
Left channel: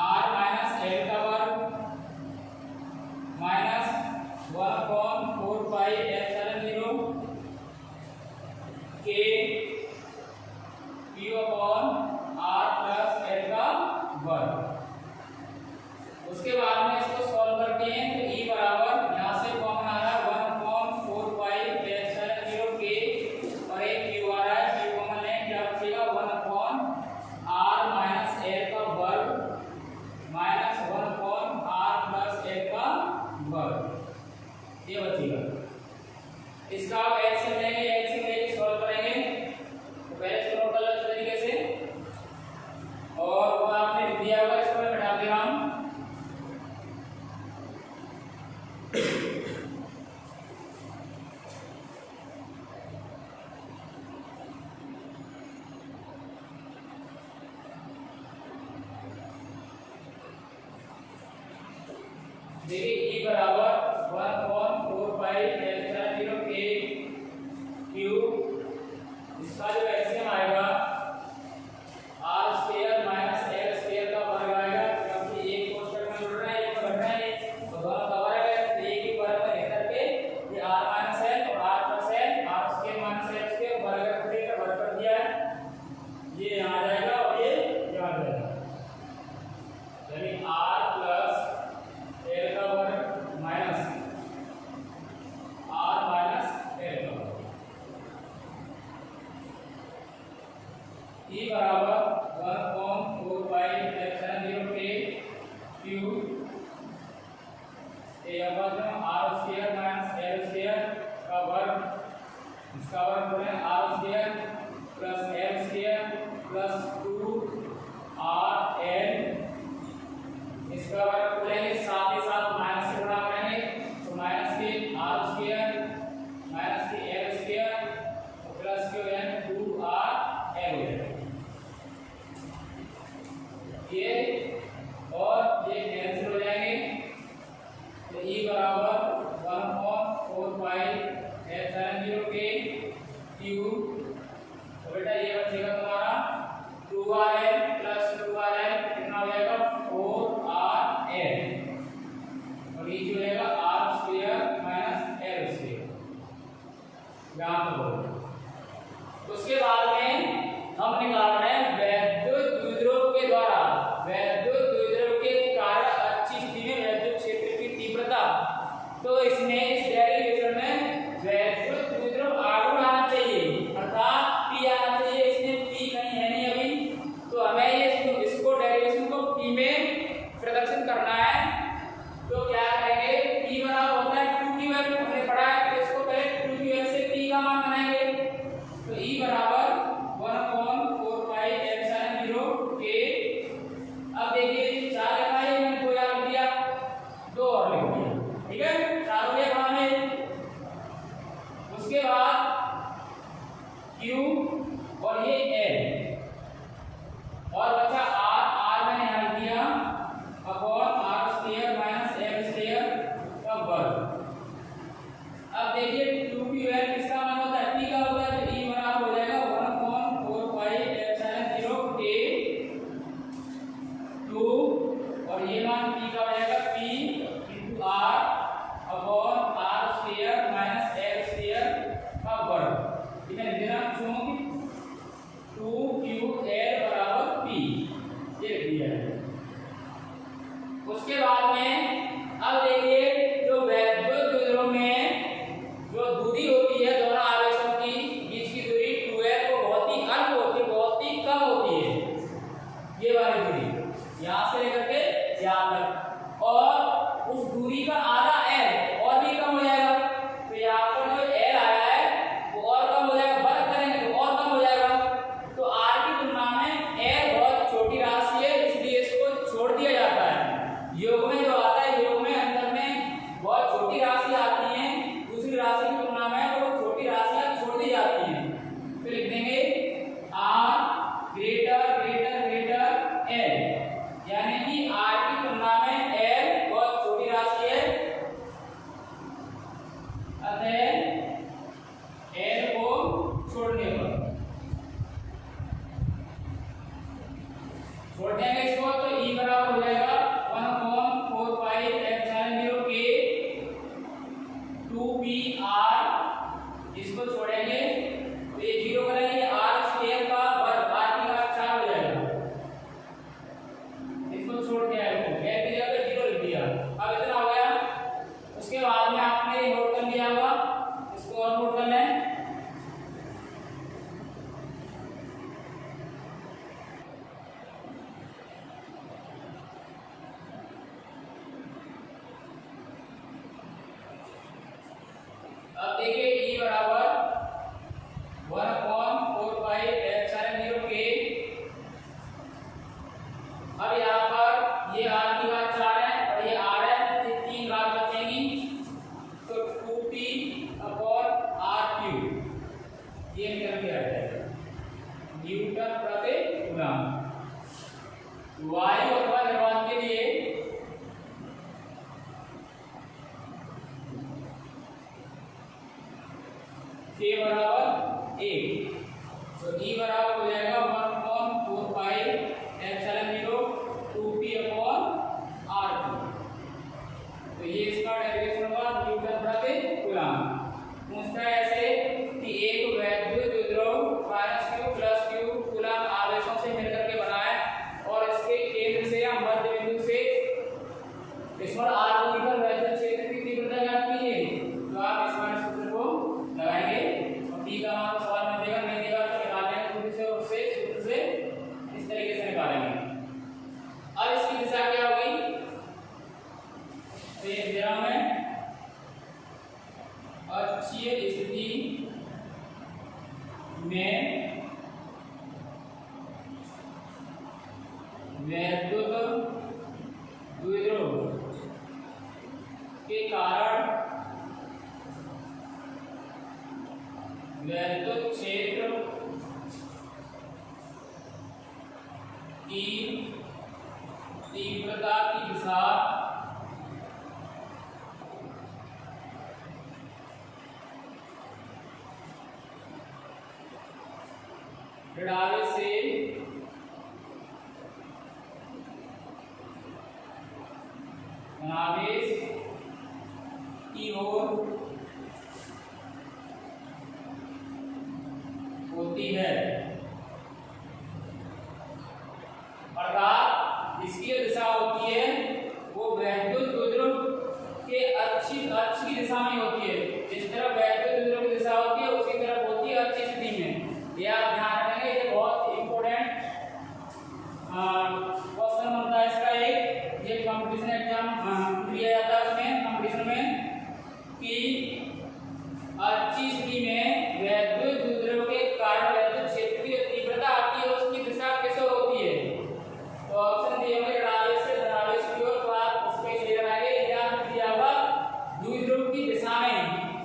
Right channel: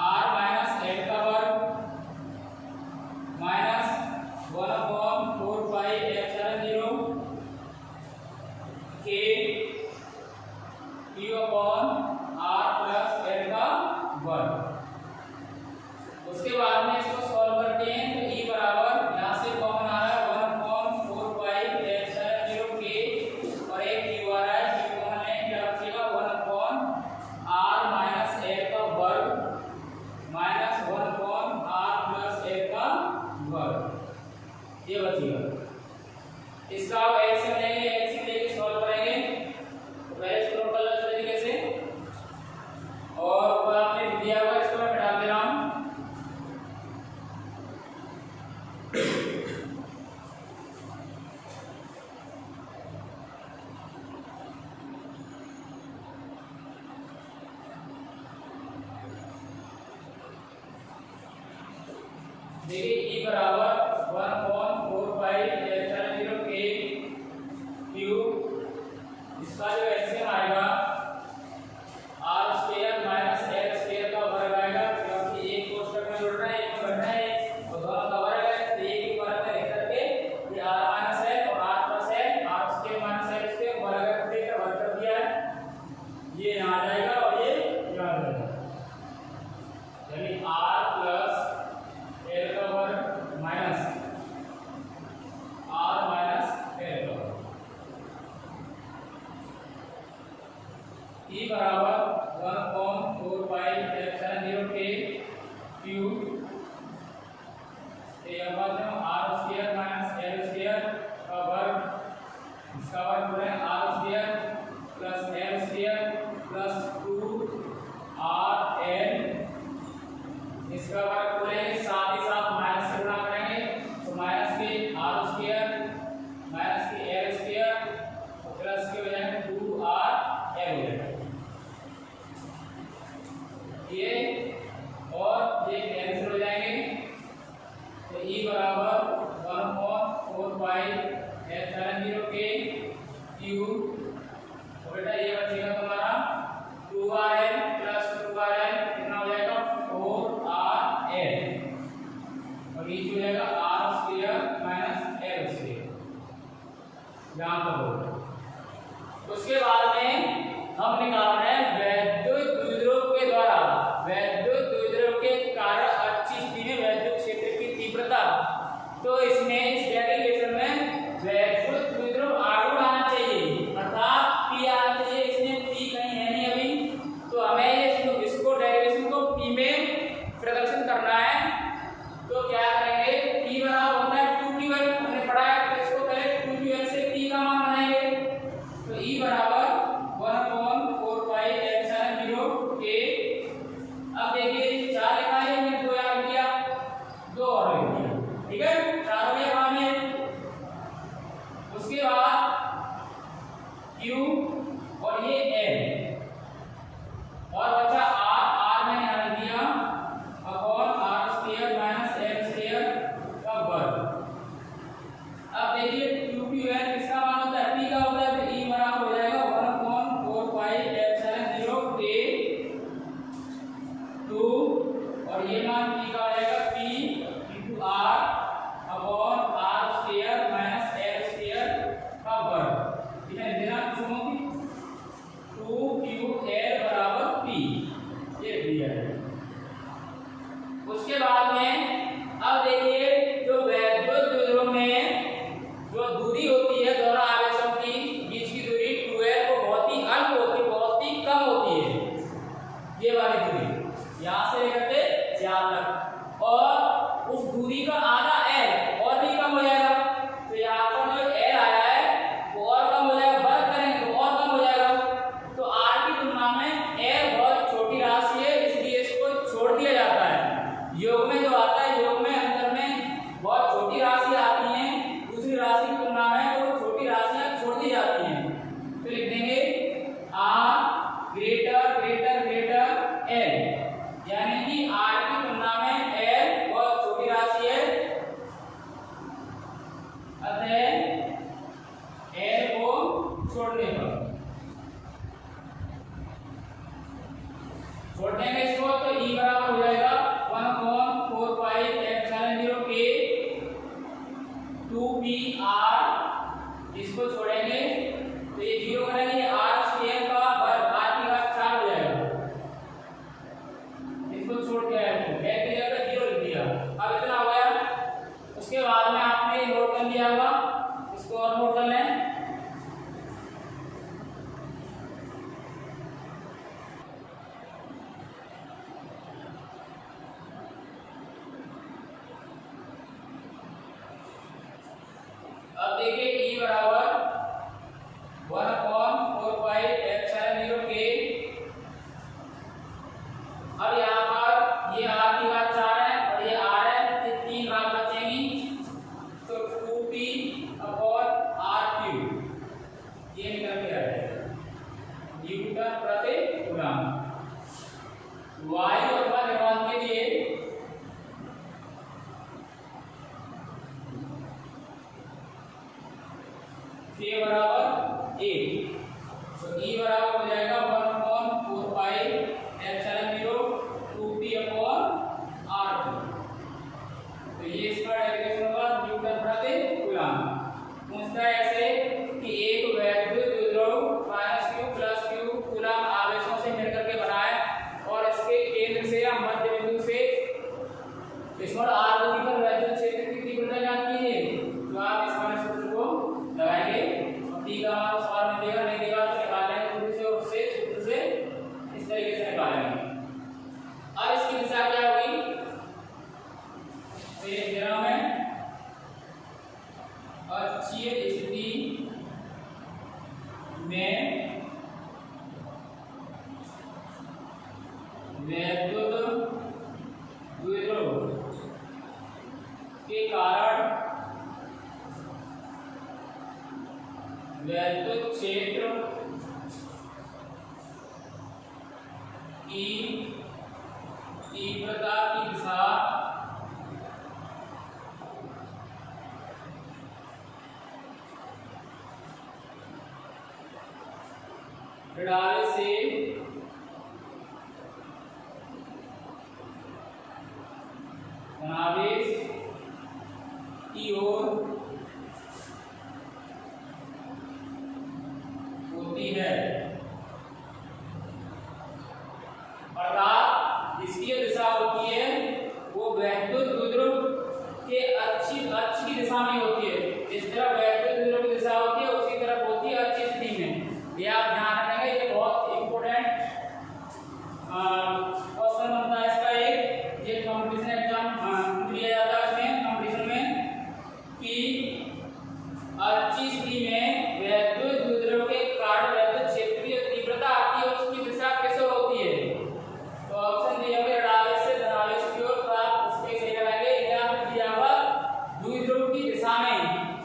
R minus L का वर्ग माइनस 1/4 के Q upon R plus L का वर्ग। उसके बाद में इसको सॉल्व करते हैं तो E बराबर यहाँ से कॉमन आ रहा है 1/4 के और एक Q आ रहा है, Q कॉमन लेंगे क्या बचेगा 1/R माइनस L का वर्ग माइनस 1/R प्लस L का वर्ग, ये बचेगा। इसका अब एलसीएम लेंगे, एलसीएम लेके सॉल्व करेंगे। तो पहले इसको नोट कर लो इस तरीके से, और ऊपर आपने दिया हुआ इसको मैं मिटा दे रहा हूँ। देखिए E बराबर 1/4 के Q, इसका जो एलसीएम आएगा R square minus L square का वर्ग आएगा, क्योंकि एक कोष्ठक में जुड़ रहा है एक में घट रहा है, तो दोनों का वर्ग है, तो एक ही वर्ग में रह करके ये R माइनस L और R plus L, R square minus L square वर्ग देकर वर्ग कर दिया है, ये यहाँ आ जाएगा और ये यहाँ आ जाएगा, यानी R प्लस L का वर्ग माइनस R माइनस L का वर्ग। E बराबर 1/4 के Q R square minus L square का वर्ग, इसका वर्ग करें R square plus L square plus 2RL, इसका वर्ग करेंगे, साथ ही साथ माइनस से गुणा करेंगे, तो माइनस के R स्क्वायर माइनस के L स्क्वायर प्लस के हो जाएंगे 2RL हो जाएगा, ये और ये कैंसिल हो जाएंगे। तो E बराबर 1/4 के Q, तो बेटा ये बचेगा तुम्हारा 2RL प्लस 2RL कितना हो जाएगा 4RL, और ये हो जाएगा R square minus L square, यहाँ पर हो। उसके बाद में हम निकाल रहे हैं वैद्युत द्विध्रुव के द्वारा, वैद्युत द्विध्रुव के कारण अच्छी स्थिति में वैद्युत क्षेत्र की तीव्रता, तो इसमें इस डेरिवेशन में वैद्युत द्विध्रुव आगे आना चाहिए, अर्थात P आना चाहिए, इसमें P कहीं है नहीं अभी, तो हमें ये इसको डेरिवेशन को P में प्रदर्शन करना है। तो क्या करेंगे, P बराबर होता है 2QL, हमने पढ़ा है, तो इसको पहले 2QL से P का मान बनाएंगे। तो E बराबर 1/4 के, अब देखिए 4 लिखा है, मैंने 2 याद लिख दिया, 2 और लिख दिया, ठीक है, 4 हो गया वहां में। उसके बाद Q और ये L और बचा R मैंने यहाँ लिख दिया upon R square minus L square का वर्ग। अब देखिए 2QL किसका मान होता है, P का होता है, तो E बराबर हो जाएगा 1/4 के 2, और ये मान P का हो जाएगा P into R upon R square minus L square का वर्ग, ठीक है, देना चूंकि 2QL बराबर P, ये दिया है। उसके बाद में अब देखिए जो वैद्युत द्विध्रुव में जो दूरी होती है दोनों आवेशों की बीच की दूरी 2L को बहुत ही अल्प होती है, बहुत ही कम होती है, ये वाली दूरी यहाँ से लेकर के यहाँ तक, और उस दूरी का आधा L और भी कम हो जाएगा, तो यहाँ पर जो L आया है वो और कम हो जाएगा, वर्ग करेंगे तो और कम हो जाएगा, तो R की तुलना में L बहुत छोटी राशि है, इसलिए इसको छोड़ दिया जाता है। योग में जो आता है, योग में अंतर में 8। तो E बराबर हो जाएगा 1/4 एप्सिलॉन 0 2p अपॉन r2। तो ये इसका डेरिवेशन होगा न्यूटन प्रति कूलम। पूछता है ऐसे कि एक वैद्युत द्विध्रुव -q + q कूलम आवेशों से मिलकर के बना है और इसके केंद्र से या मध्य बिंदु से स्मॉल r दूरी पर वैद्युत क्षेत्र की तीव्रता ज्ञात कीजिए। तो आप इस वाले सूत्र को लगाएंगे और t का मान सवाल में देगा, नहीं देगा तो निकालेंगे दूरी से, और उससे सूत्र से इस तरीके से निकालेंगे। अब इसकी दिशा क्या होगी, तो ये दिशा में अक्षीय स्थिति में वैद्युत द्विध्रुव के कारण वैद्युत क्षेत्र की तीव्रता की दिशा ऋणावेश से धनावेश की ओर होती है। अर्थात इसकी दिशा होती है वो वैद्युत द्विध्रुव के अक्ष की दिशा में होती है। जिस तरह वैद्युत द्विध्रुव की दिशा होती है उसी तरफ होती है अक्षीय स्थिति में। ये आप ध्यान रखेंगे, ये बहुत इंपॉर्टेंट क्वेश्चन बनता है इसका। एक ये कंपटीशन एग्जाम दिया जाता है उसमें कंपटीशन में कि अक्षीय स्थिति में वैद्युत द्विध्रुव के कारण वैद्युत क्षेत्र की तीव्रता आती है उसकी दिशा कैसे होती है। तो ऑप्शन दिया हुआ ऋणावेश से धनावेश की ओर, तो आप उसमें सही लगाएंगे। या दिया हुआ द्विध्रुव की दिशा में,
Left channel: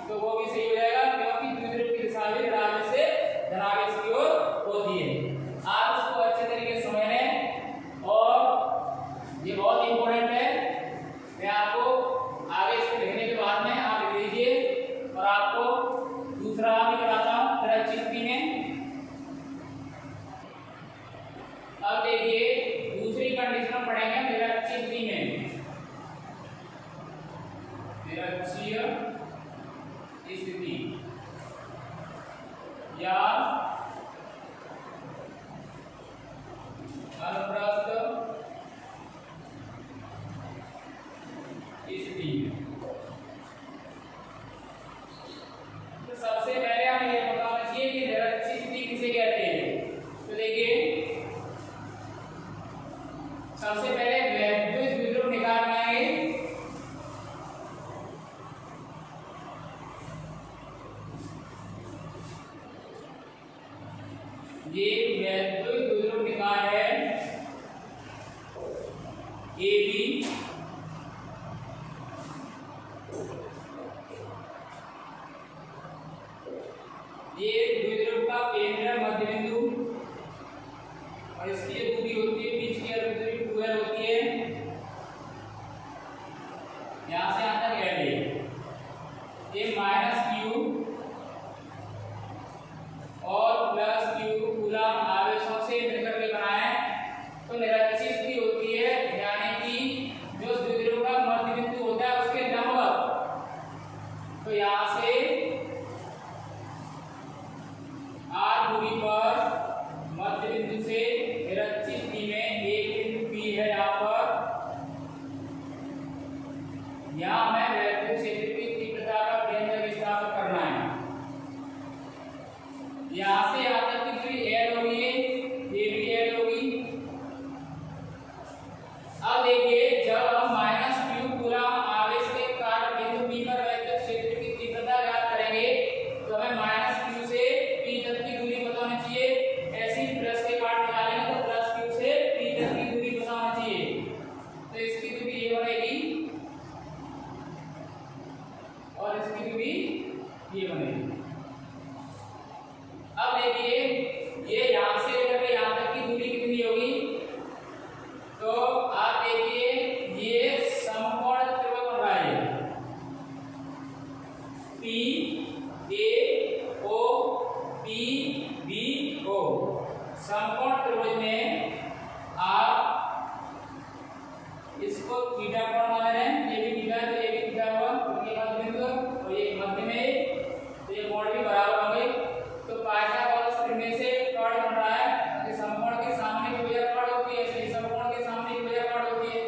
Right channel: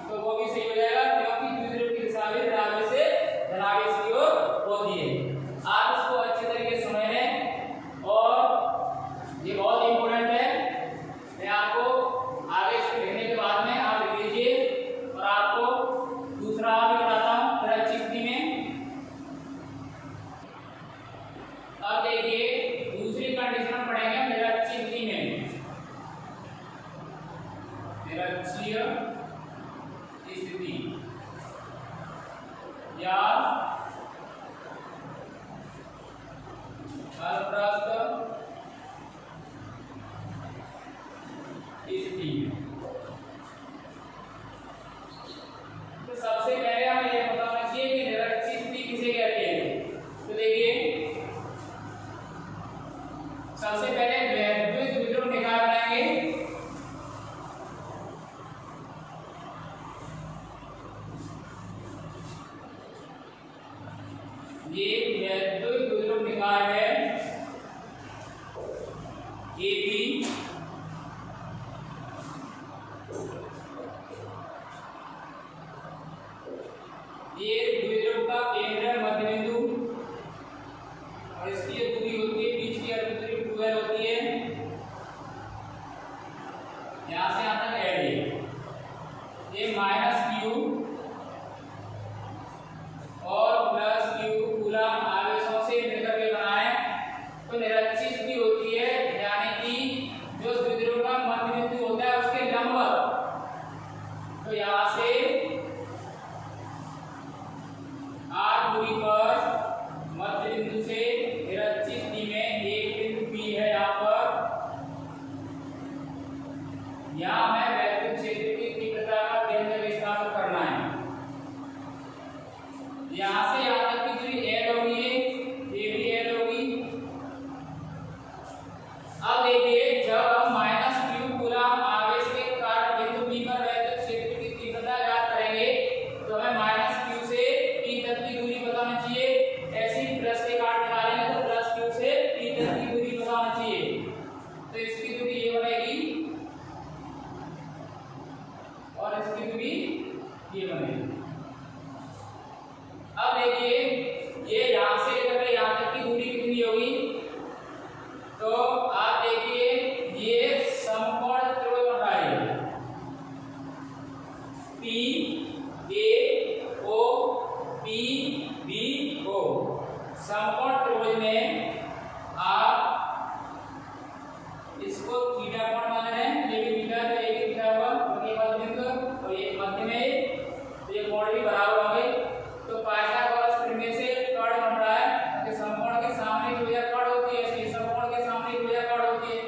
तो वो भी सही हो जाएगा क्योंकि द्विध्रुव की दिशा भी ऋणावेश से धनावेश की ओर होती है। आप इसको अच्छे तरीके से समझ लें और ये बहुत इंपॉर्टेंट है। मैं आपको आगे इसको लिखने के बाद में आप लिख लीजिए और आपको दूसरा भी बताता हूँ अक्षीय स्थिति में। अब देखिए दूसरी कंडीशन हम पढ़ेंगे निरक्षीय स्थिति में। निरक्षीय स्थिति या अनुप्रस्थ स्थिति। तो सबसे पहले हमें यह पता होना चाहिए कि निरक्षीय स्थिति किसे कहते हैं। तो देखिए सबसे पहले वैद्युत द्विध्रुव निकाल लेंगे। ये वैद्युत द्विध्रुव निकाय है AB। ये द्विध्रुव का केंद्र मध्य बिंदु और इसकी जो दूरी होती है बीच की दूरी 2l होती है। यहां से यहां तक l है। ये -q और +q कूलम आवेशों से मिलकर के बना है। तो निरक्षीय स्थिति होती है यानी कि जो द्विध्रुव का मध्य बिंदु होता है उसके लंबवत। तो यहां से r दूरी पर मध्य बिंदु से निरक्षीय स्थिति में एक बिंदु P है। यहाँ पर यहाँ मैं वैद्युत क्षेत्र की तीव्रता का केंद्र स्थापित करना है। यहाँ से यहाँ तक की दूरी l होगी, ये भी l होगी। अब देखिए जब हम -q कूलम आवेश के कारण बिंदु P पर वैद्युत क्षेत्र की तीव्रता ज्ञात करेंगे तो हमें -q से P तक की दूरी पता होनी चाहिए। ऐसी प्लस के पार्ट निकालेंगे तो +q से P तक की दूरी पता होनी चाहिए। तो इसकी दूरी ये बनेगी और इसकी दूरी ये बनेगी। अब देखिए ये यहां से लेकर यहाँ तक की दूरी कितनी होगी। तो आप देखिए इसको थीटा कोण मान रहे हैं, ये भी थीटा तो ये भी थीटा हुआ, उनके बाद बिंदु और ये मध्य में तो ये कोण भी बराबर हो गए। तो पाइथागोरस प्रमेय से कर्ण बन रहा है कि समकोण के सामने जो भुजा कर्ण होती है इसलिए समकोण के सामने भुजा कर्ण होती है।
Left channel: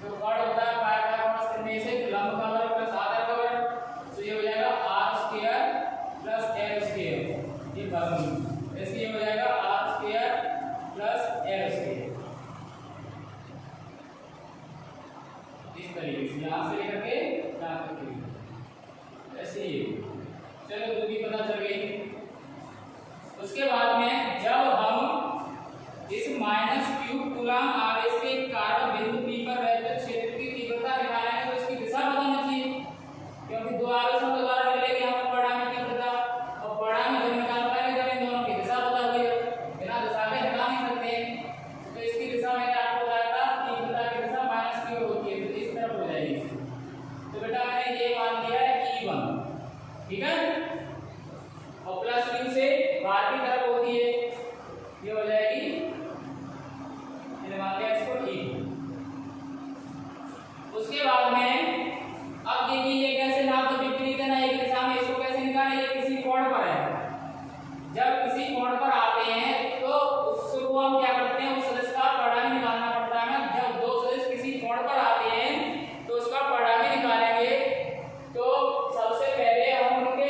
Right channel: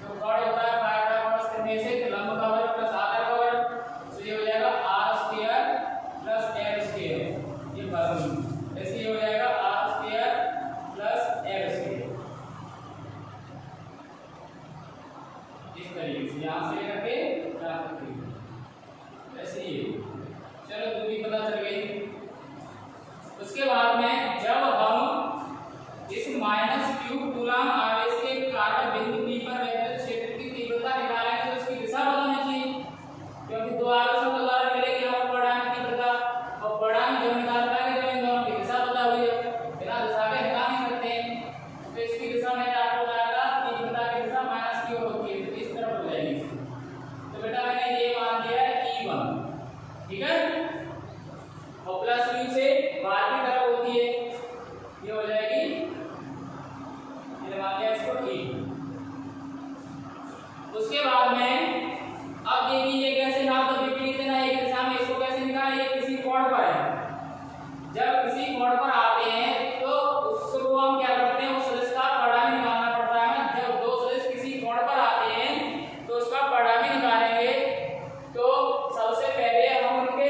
तो कर्ण होता है पाइथागोरस प्रमेय से तो लंब का वर्ग प्लस आधार का वर्ग, तो ये हो जाएगा r square plus l square, ये वर्गमूल ऐसे ये हो जाएगा r square plus l square. इस तरीके से यहाँ से लेकर के यहाँ तक ऐसे ही। चलो दूरी पता चल गई। उसके बाद में जब हम इस -q कूलम्ब आवेश के कारण बिंदु P पर वैद्युत क्षेत्र की तीव्रता निकालेंगे तो उसकी दिशा बतानी चाहिए, क्योंकि दो आवेशों के द्वारा मिलेगी हमें परिणाम की तीव्रता, और परिणाम जब निकाल पाएंगे जब इन दोनों की दिशा बता हुई है, बिना दिशा के निकाल नहीं सकते। तो इसकी दिशा मैंने आपको बताया था, तीव्रता की दिशा -q होती है, तो इस तरफ हो जाएगी। तो बेटा मैंने ये मान दिया है E1, ठीक है, और प्लस q से बाहर की तरफ होती है, ये हो जाएगी, मैंने मान लिया इसको E। उसके बाद में अब ये कैसे नाप तो विपरीत है ना, एक दिशा में, इसको कैसे निकालें, ये किसी कोण पर है। जब किसी कोण पर आते हैं तो उसको हम क्या करते हैं, उस सदिश का परिणाम निकालना पड़ता है। जब दो सदिश किसी कोण पर आते हैं तो उसका परिणाम निकालेंगे, तो सबसे पहले हम उनके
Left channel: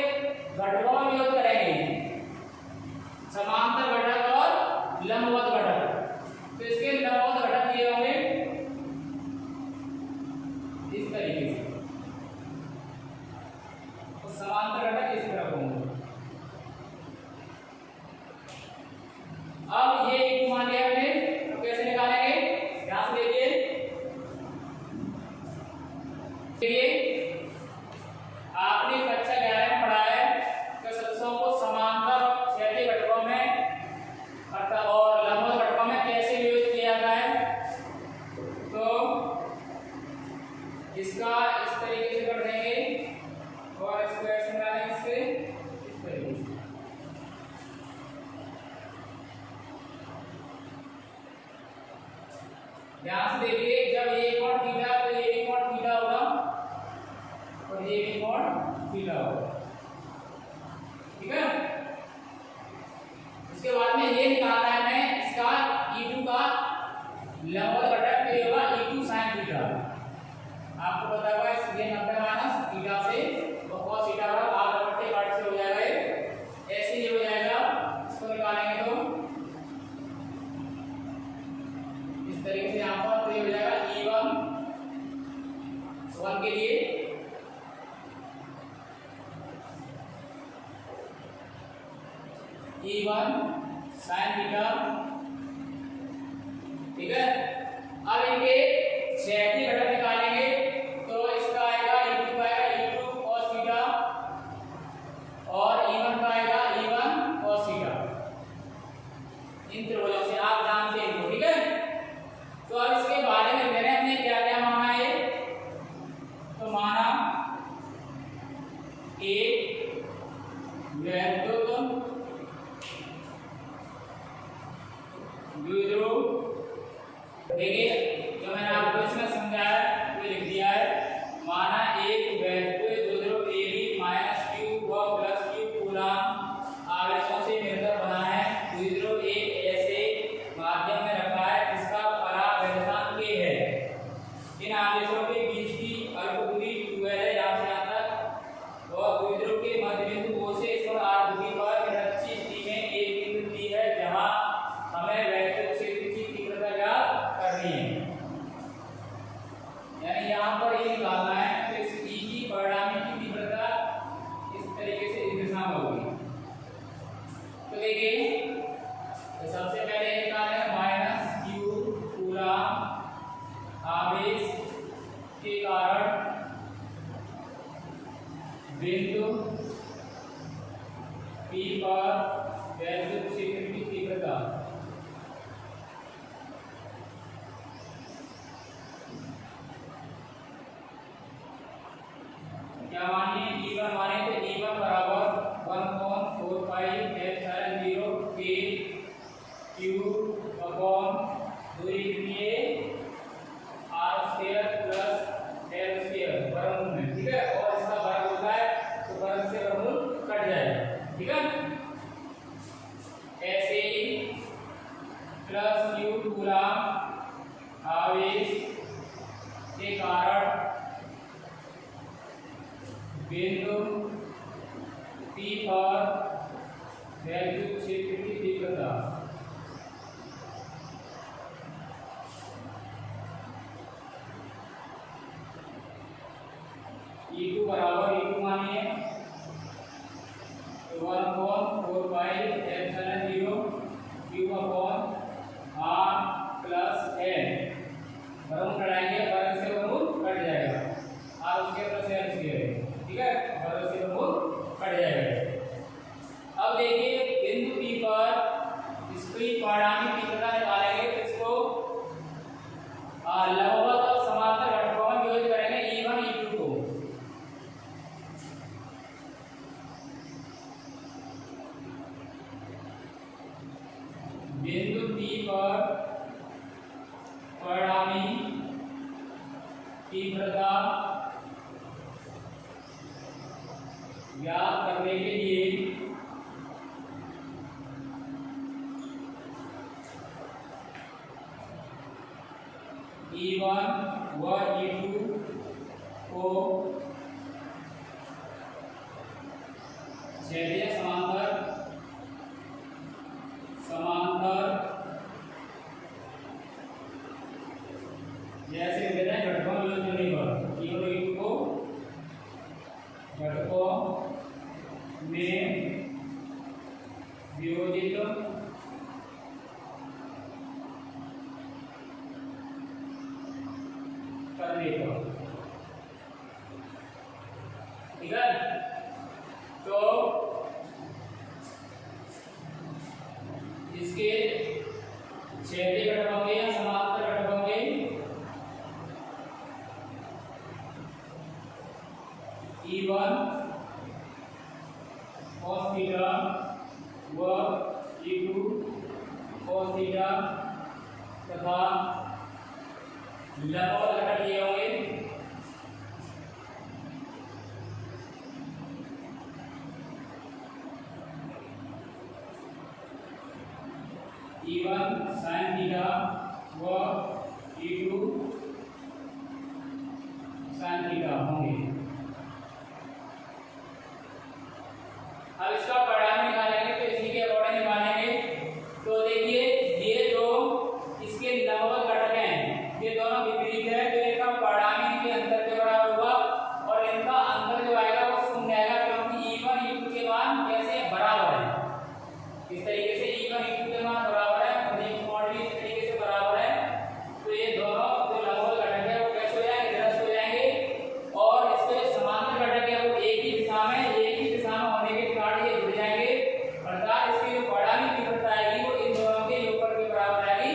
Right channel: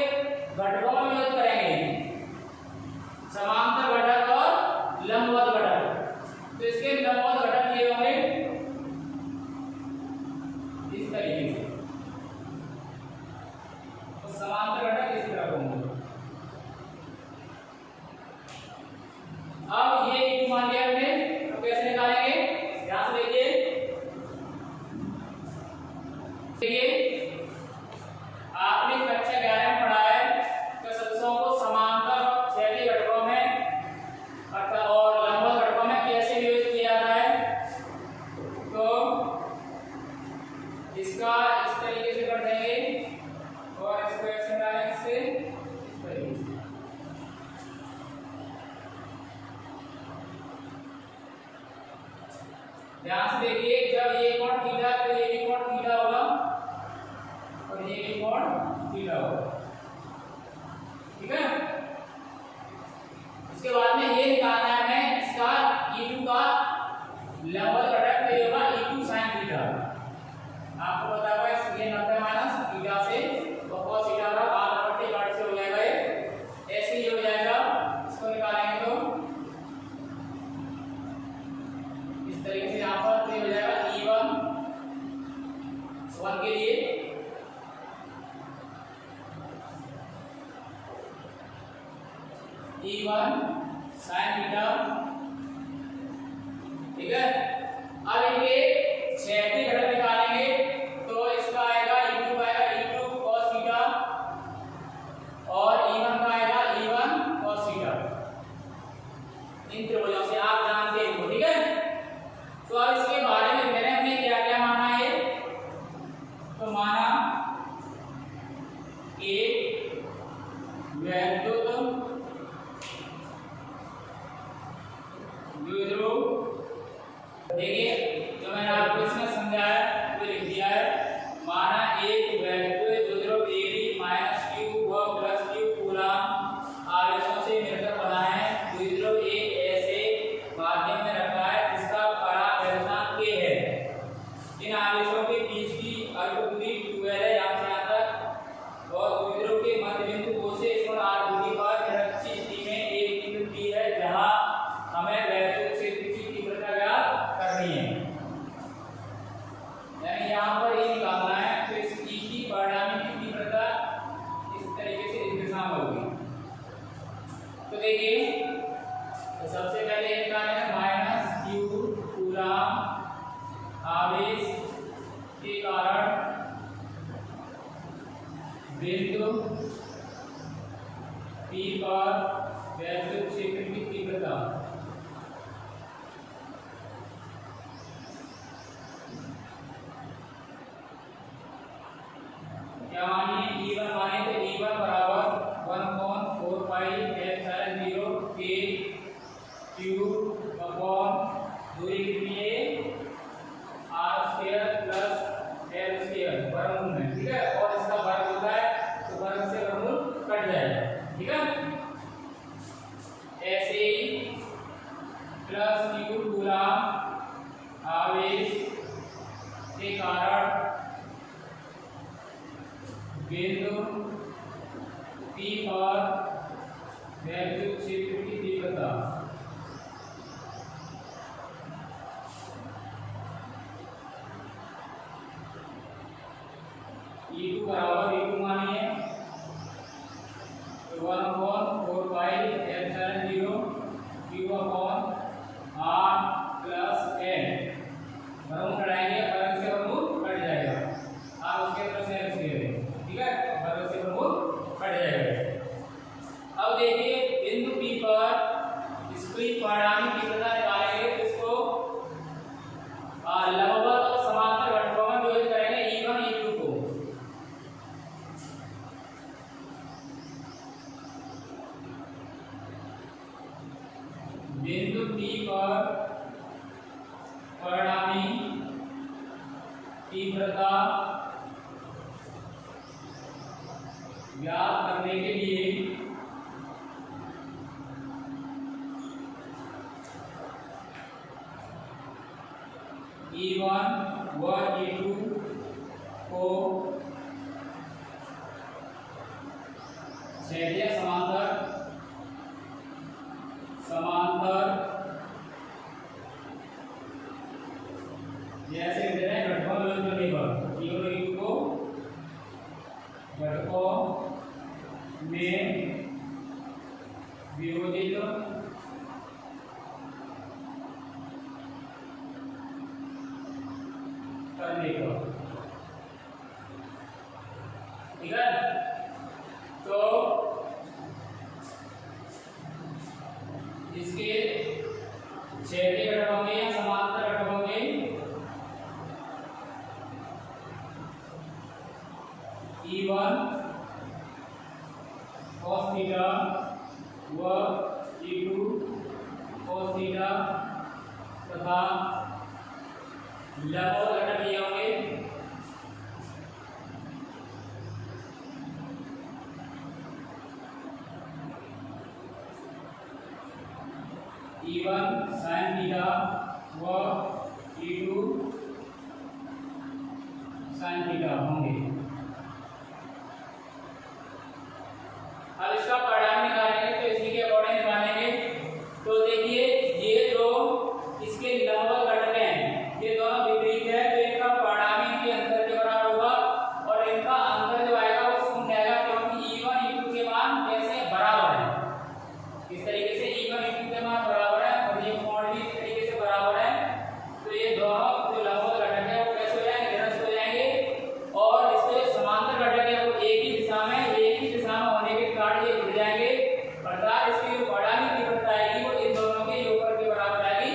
घटकों में योग करेंगे, समांतर घटक और लंबवत घटक। तो इसके लंबवत घटक ये होंगे इस तरीके से, तो समांतर घटक इस तरह होंगे। अब ये मान लिया हमने, तो कैसे निकालेंगे, ध्यान से देखिए। आपने कक्षा 11 में पढ़ा है कि सदिशों को समांतर क्षैतिज घटकों में अर्थात और लंबवत घटकों में कैसे विभाजित किया जाता है। तो इसका इस तरीके से कर देंगे और इसको ऐसे निकालेंगे, इससे इस तरीके से। ध्यान से देखिए, जब ये कोण थीटा तो ये भी कोण थीटा होगा और ये भी कोण थीटा होगा, ठीक है। इसके बाद में ये निकालना है हमें इसका E2 का लंबवत घटक, तो ये होगा E2 sin थीटा। आपको पता होगा इसलिए 90 माइनस थीटा से cos थीटा बराबर r/8 से हो जाएगा, ये ऐसे ही हो जाएगा। इसको निकालेंगे तो इस तरीके से यहाँ पर, तो ये हो जाएगा E1 1 के लिए E1 sin थीटा, ठीक है। अब इनके क्षैतिज घटक निकालेंगे तो इसका आएगा E2 cos थीटा और E1 का आएगा E1 cos थीटा। इन त्रिभुजों से आप जानते हो, ठीक है। तो अब इसके बारे में मैंने हमने क्या क्या माना है, तो माना एक वैद्युत द्विध्रुव, देखिए जो मैंने आपको इसमें समझाया वो लिख दिया है। माना एक वैद्युत द्विध्रुव AB -q व +q कूलम्ब आवेशों से मिलकर बना है। द्विध्रुव एक ऐसे माध्यम में रखा है जिसका परावैद्युतांक k है। इन आवेशों के बीच की अल्प दूरी 2l है, यहाँ से यहाँ तक, और द्विध्रुव के मध्य बिंदु O से इस पर r दूरी पर निरक्षी स्थिति में एक बिंदु D है जहाँ हमें वैद्युत क्षेत्र की तीव्रता ज्ञात करनी है, यानी यहाँ पर ये निकालना है। तो इस E की परिणामी की तीव्रता इस तरीके से इस दिशा में होगी। तो देखिए, तो सबसे पहले निकालना है -q कूलम्ब आवेश के कारण बिंदु P पर वैद्युत क्षेत्र की तीव्रता। क्या मानिए E1 माने तो E1 बराबर 1/4 pi epsilon 0 k q upon दूरी कितनी है r² ठीक है, और इसका वर्ग होता है तो वर्ग से वर्गमूल कट जाएगा, ठीक है। ऐसे ही प्लस q कूलम आवेश के कारण बिंदु P पर वैद्युत क्षेत्र की तीव्रता E2 बराबर E2 मानिए 1/4 pi epsilon 0 q upon r plus n वर्गमूल बढ़ाएंगे, वर्ग से वर्गमूल कट जाएगा, r उसके तरफ से n स्क्वायर है, ठीक है, वर्ग से वर्गमूल कट जाएगा। अब देखिए बिंदु P पर इसकी परिणामी तीव्रता निकालेंगे तो इसको लंबवत और समांतर घटकों में विभाजित करेंगे E1 E2 को। बिंदु P पर परिणामी तीव्रता ज्ञात करने के लिए E1 व E2 को क्षैतिज समांतर जैसे कहते हैं घटकों में विभाजित पर E1 और E2 को घटकों में विभाजित करने पर, ठीक है। तो इसके क्षैतिज घटक होंगे या समांतर घटक होंगे E1 cos थीटा व E2 cos थीटा तथा लंबवत घटक ये होंगे E1 sin थीटा व E2 sin थीटा होंगे। अब इसका परिणाम निकालेंगे तो इसी के अकॉर्डिंग निकालेंगे। तो देखिए ये जो इसके लंबवत घटक हैं ये दोनों विपरीत है, तो इनका परिणाम इनके अंतर के बराबर होगा और इनका अंतर जो आएगा वो शून्य आएगा, क्योंकि E1 E2 के मान कैसे बराबर है। इस तरीके से E1 E2 के मान बराबर है और ये कोण भी इस तरीके से बराबर है, तो ये दोनों जो लंबवत घटक है वो कैसे हो जाएंगे, निरस्त हो जाएंगे। और इसके जो समांतर घटक है वो एक ही दिशा में होने के कारण ये जुड़ जाएंगे, अर्थात इसकी जो परिणामी तीव्रता आएगी वो इन दोनों के योगफल के बराबर आएगी,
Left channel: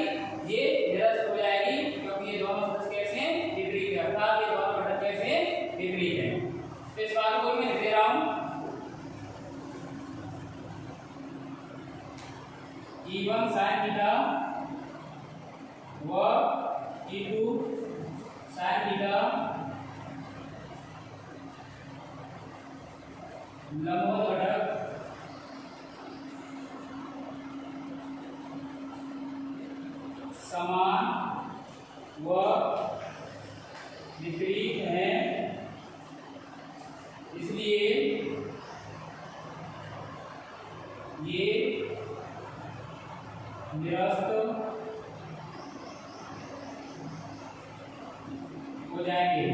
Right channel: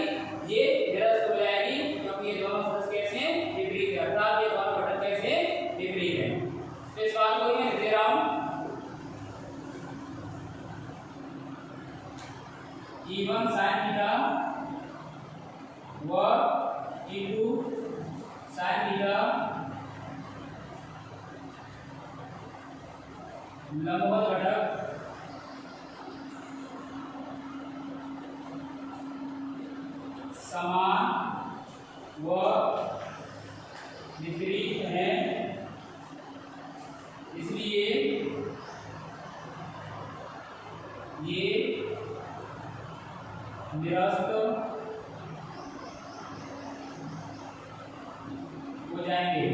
ये निरस्त हो जाएगी, क्योंकि ये दोनों सदस्य कैसे हैं, विपरीत है, अर्थात ये दोनों घटक कैसे हैं, विपरीत है। तो इस बात को मैं लिख दे रहा हूं E1 sin थीटा व E2 sin थीटा लंबवत घटक समान व विपरीत है, इसलिए ये निरस्त हो जाएंगे,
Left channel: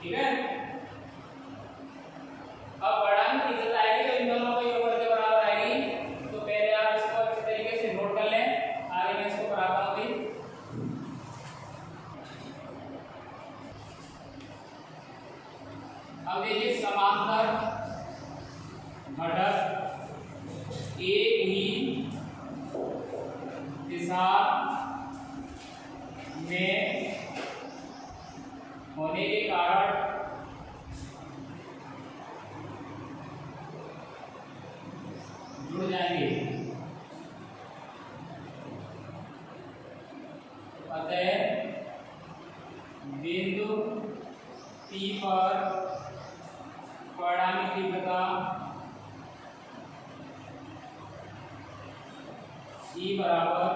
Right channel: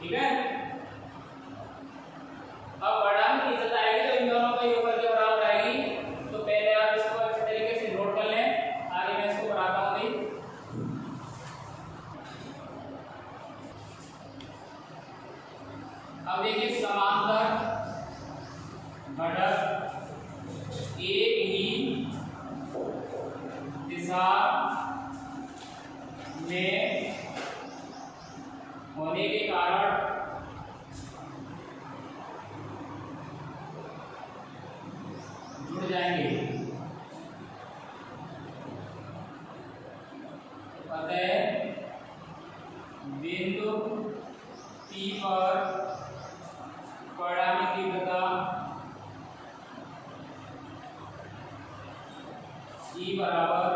ठीक है। अब परिणामी तीव्रता आएगी तो इन दोनों को योगफल के बराबर आएगी, तो पहले आप इसको इस तरीके से नोट कर लें, आगे मैं इसको कराता हूं। अब देखिए समांतर घटक एक ही दिशा में होने के कारण जुड़ जाएंगे, अतः बिंदु P पर परिणामी तीव्रता E बराबर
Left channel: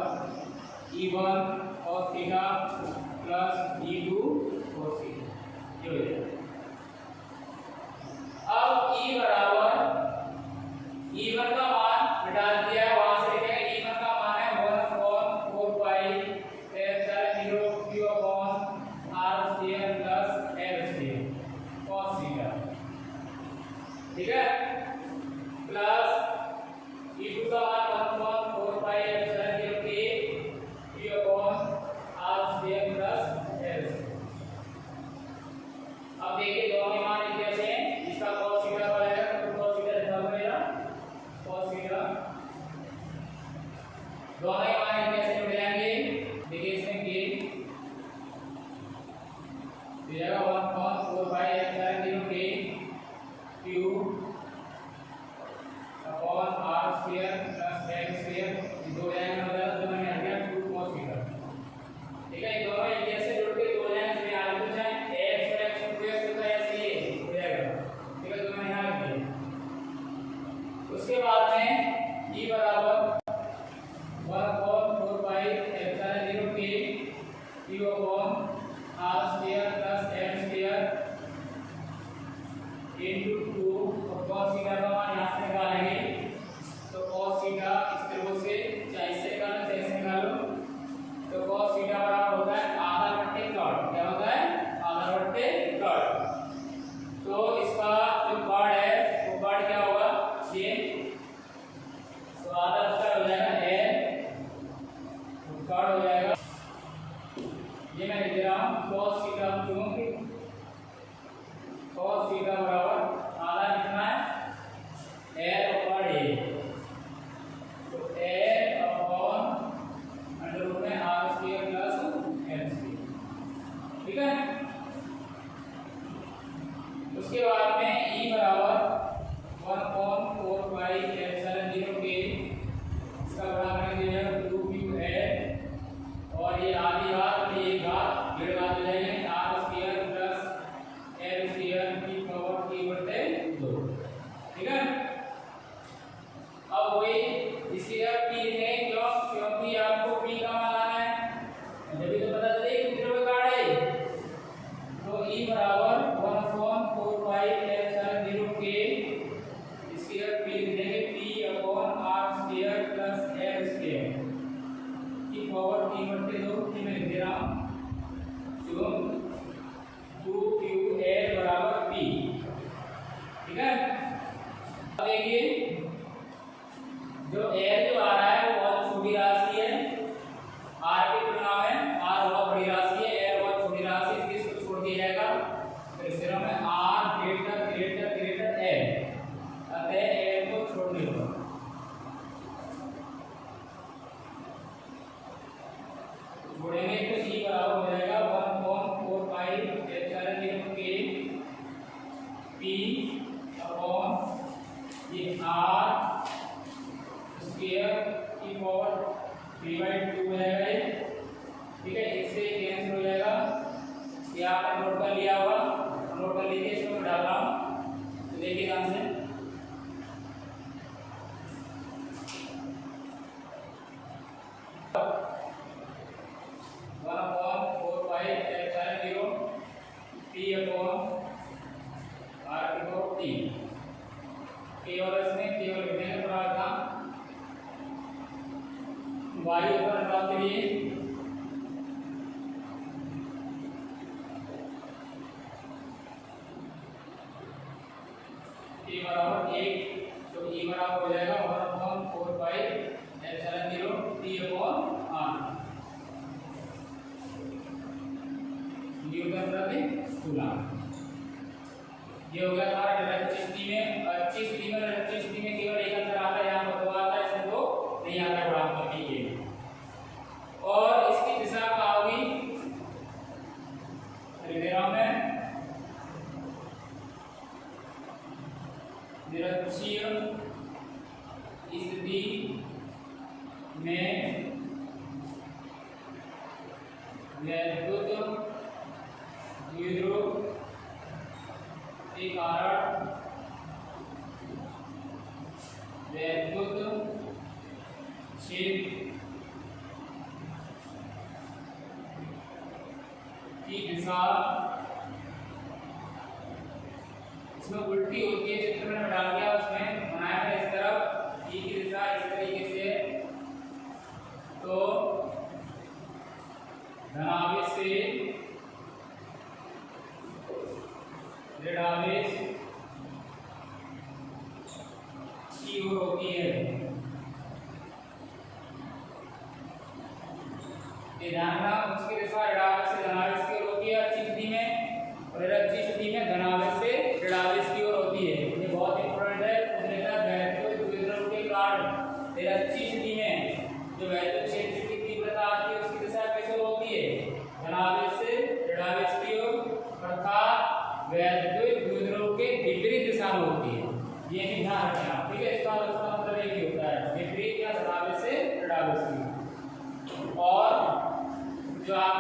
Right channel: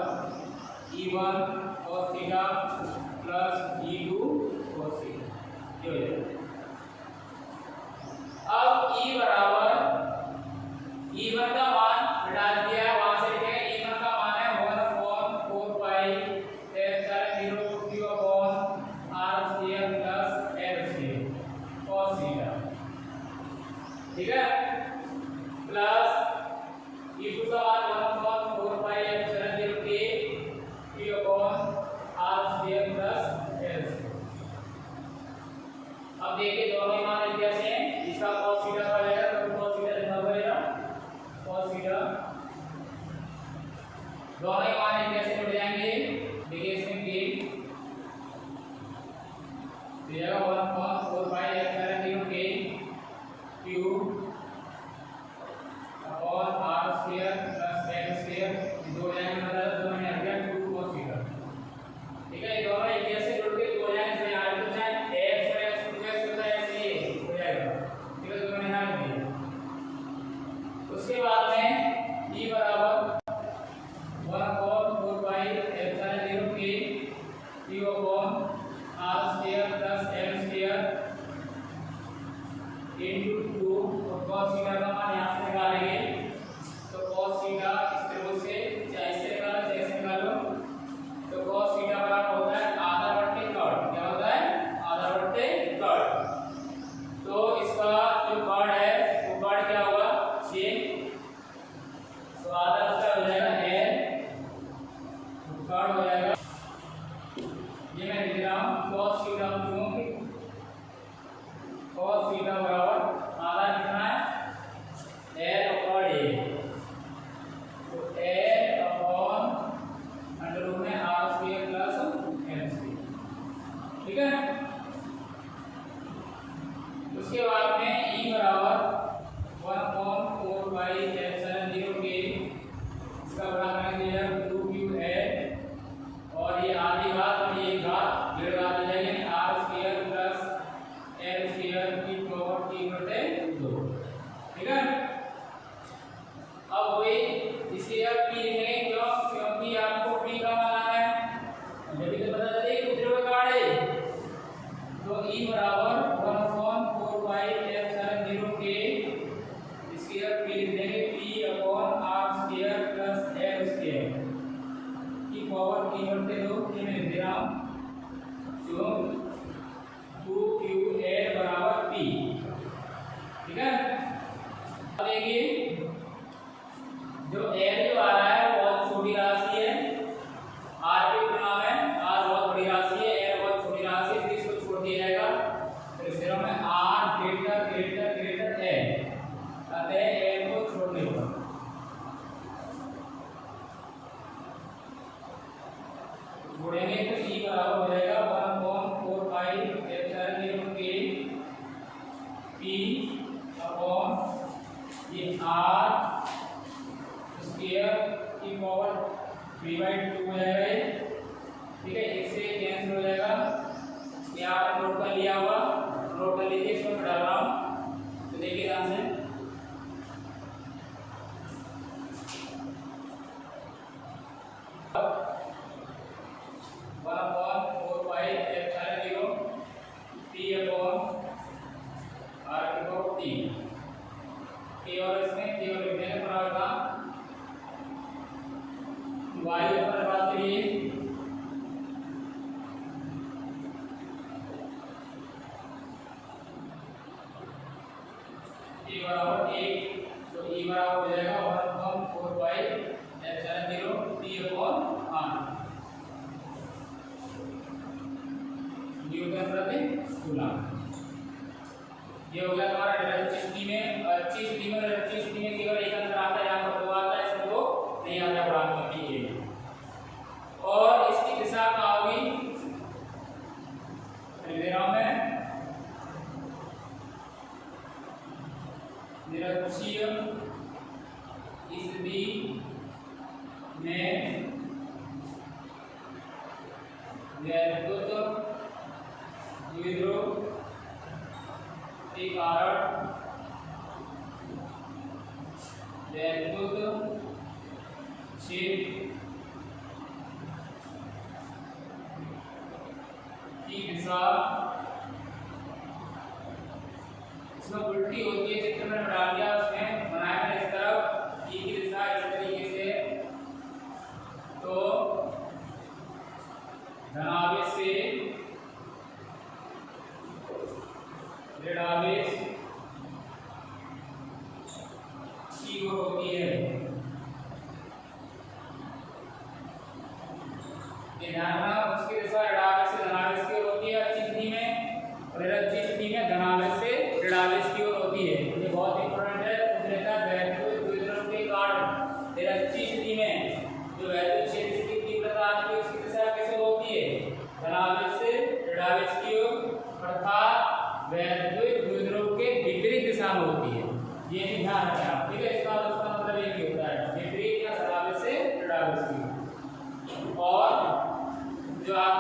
E1 cos theta plus E2 cos theta. ये हो जाएगा। अब E बराबर E1 का मान हटा दिया है, वहां से लिखेंगे E1 का मान है 1/4 pi epsilon 0 Q upon R square plus L square cos theta, ठीक है, प्लस E2 का मान 1/4 pi epsilon 0 Q upon R square plus L। अब देखिए दोनों ही मान एक जैसे हैं, इसका cos थीटा का हो जाएगा तो cos थीटा लिखना पड़ेगा, cos थीटा दोनों ही मान एक जैसे जुड़ जाएंगे। देखिए इसमें k हो जाएगा 1/4 pi epsilon 0 Q upon R square plus L square, दो जाएंगे मतलब दोनों में आ गया Q cos थीटा, ठीक है। ये दोनों एक जैसे जुड़ के दो जाएंगे, इसमें आगे कुछ है x और x टू x होता है, ऐसे ही हो जाएगा, ठीक है, दोनों यहां लिख दिए। उसके बाद में E बराबर 1/4 pi epsilon 0 Q upon R square plus L square into 2 और cos थीटा का मान यहां से निकालेंगे, तो cos थीटा इस तरह से चाहे इससे निकालो चाहे इससे निकालो, तो cos थीटा बराबर होता है आधा बट्टे कट। क्या होता है? आधा बट्टे कट। तो इसका जो कट है वो कट क्या होगा? सेम, तो आधा उसका हो जाएगा L, कट हो जाएगा, ये मैं लिख रहा हूँ cos थीटा, क्योंकि cos थीटा बराबर आधा कितना है L अपॉन A, तो L अपॉन अंडर रूट में R square plus L square, ठीक है। उसके बाद में E बराबर 1/4 पाई एप्सिलॉन 0 इसका बड़ा करके दिया 2Q और ये आधी घात और ये घात डेढ़ घात हो जाएंगे R square plus L square की पावर T/2, ठीक है। अब वही इसके अब P लिखेंगे, क्यों? क्योंकि आपको P का मान लाना है, जब भी तो पता चले कितने में कार्ड है, तो E बराबर 1/4 पाई एप्सिलॉन 0 इसके अब P लिख देंगे P upon R square plus L square की पावर T/2, ये मैं लिख दे रहा हूँ, जो 2QL बराबर P, ठीक है। अब देखिए जो L जो आ रहा है वो बहुत छोटी राशि है, R की तुलना में R बहुत बड़ी राशि है, L बहुत छोटी राशि है, इसलिए इसको छोड़ दिया जाएगा। फिर इस तरह में R greater greater greater L, अतः L को छोड़ने होगा, जोड़ेंगे तो E बराबर हो जाएगा 1/4 पाई एप्सिलॉन 0 P अपॉन ये R स्क्वायर की पावर 3/2 हो जाएगा ये, ठीक है। इससे कैंसिल हो जाएगा, ये आपने नोट कर लिया होगा, नोट कर लीजिए, इसको मैं डाल रहा हूँ, तो देखिए ध्यान से, केवल इसमें केवल लिखने का प्रावधान, वायु पर बात करिए, E बराबर 1, तो E बराबर हो जाएगा 1/4 pi epsilon 0 P upon R, Newton प्रति कूलम। ये हो गया हमारा इलेक्ट्रिसिटी में। अच्छी स्थिति में केवल एक अंतर आता है, यहाँ पर दो आता है, इसमें दो नहीं आता गुणांक करने के लिए। और इसकी दिशा का भी निरक्षीय स्थिति में वैद्युत द्विध्रुव के कारण वैद्युत क्षेत्र की दिशा इसमें उल्टी होती है। चित्र में डाल दिया, उसमें बनाया है इस तरफ ई की दिशा इस तरीके से, तो धनावेश से ऋणावेश की ओर होती है। ये ध्यान रखना, उसकी दिशा ऋणावेश से धनावेश की ओर होती है अच्छी स्थिति में, और अच्छी स्थिति में धनावेश से ऋणावेश की ओर होती है। ये बहुत इंपॉर्टेंट है। वैद्युत द्विध्रुव के कारण अच्छी स्थिति में जो वैद्युत क्षेत्र की तीव्रता आती है उसकी दिशा कैसे होती है, धनावेश से ऋणावेश की ओर, अर्थात वैद्युत द्विध्रुव के विपरीत दिशा में होती है। ये भी ध्यान रखें आप, ठीक है। इसका मतलब एक ही होता है विपरीत या धनावेश से ऋणावेश की। और जो आप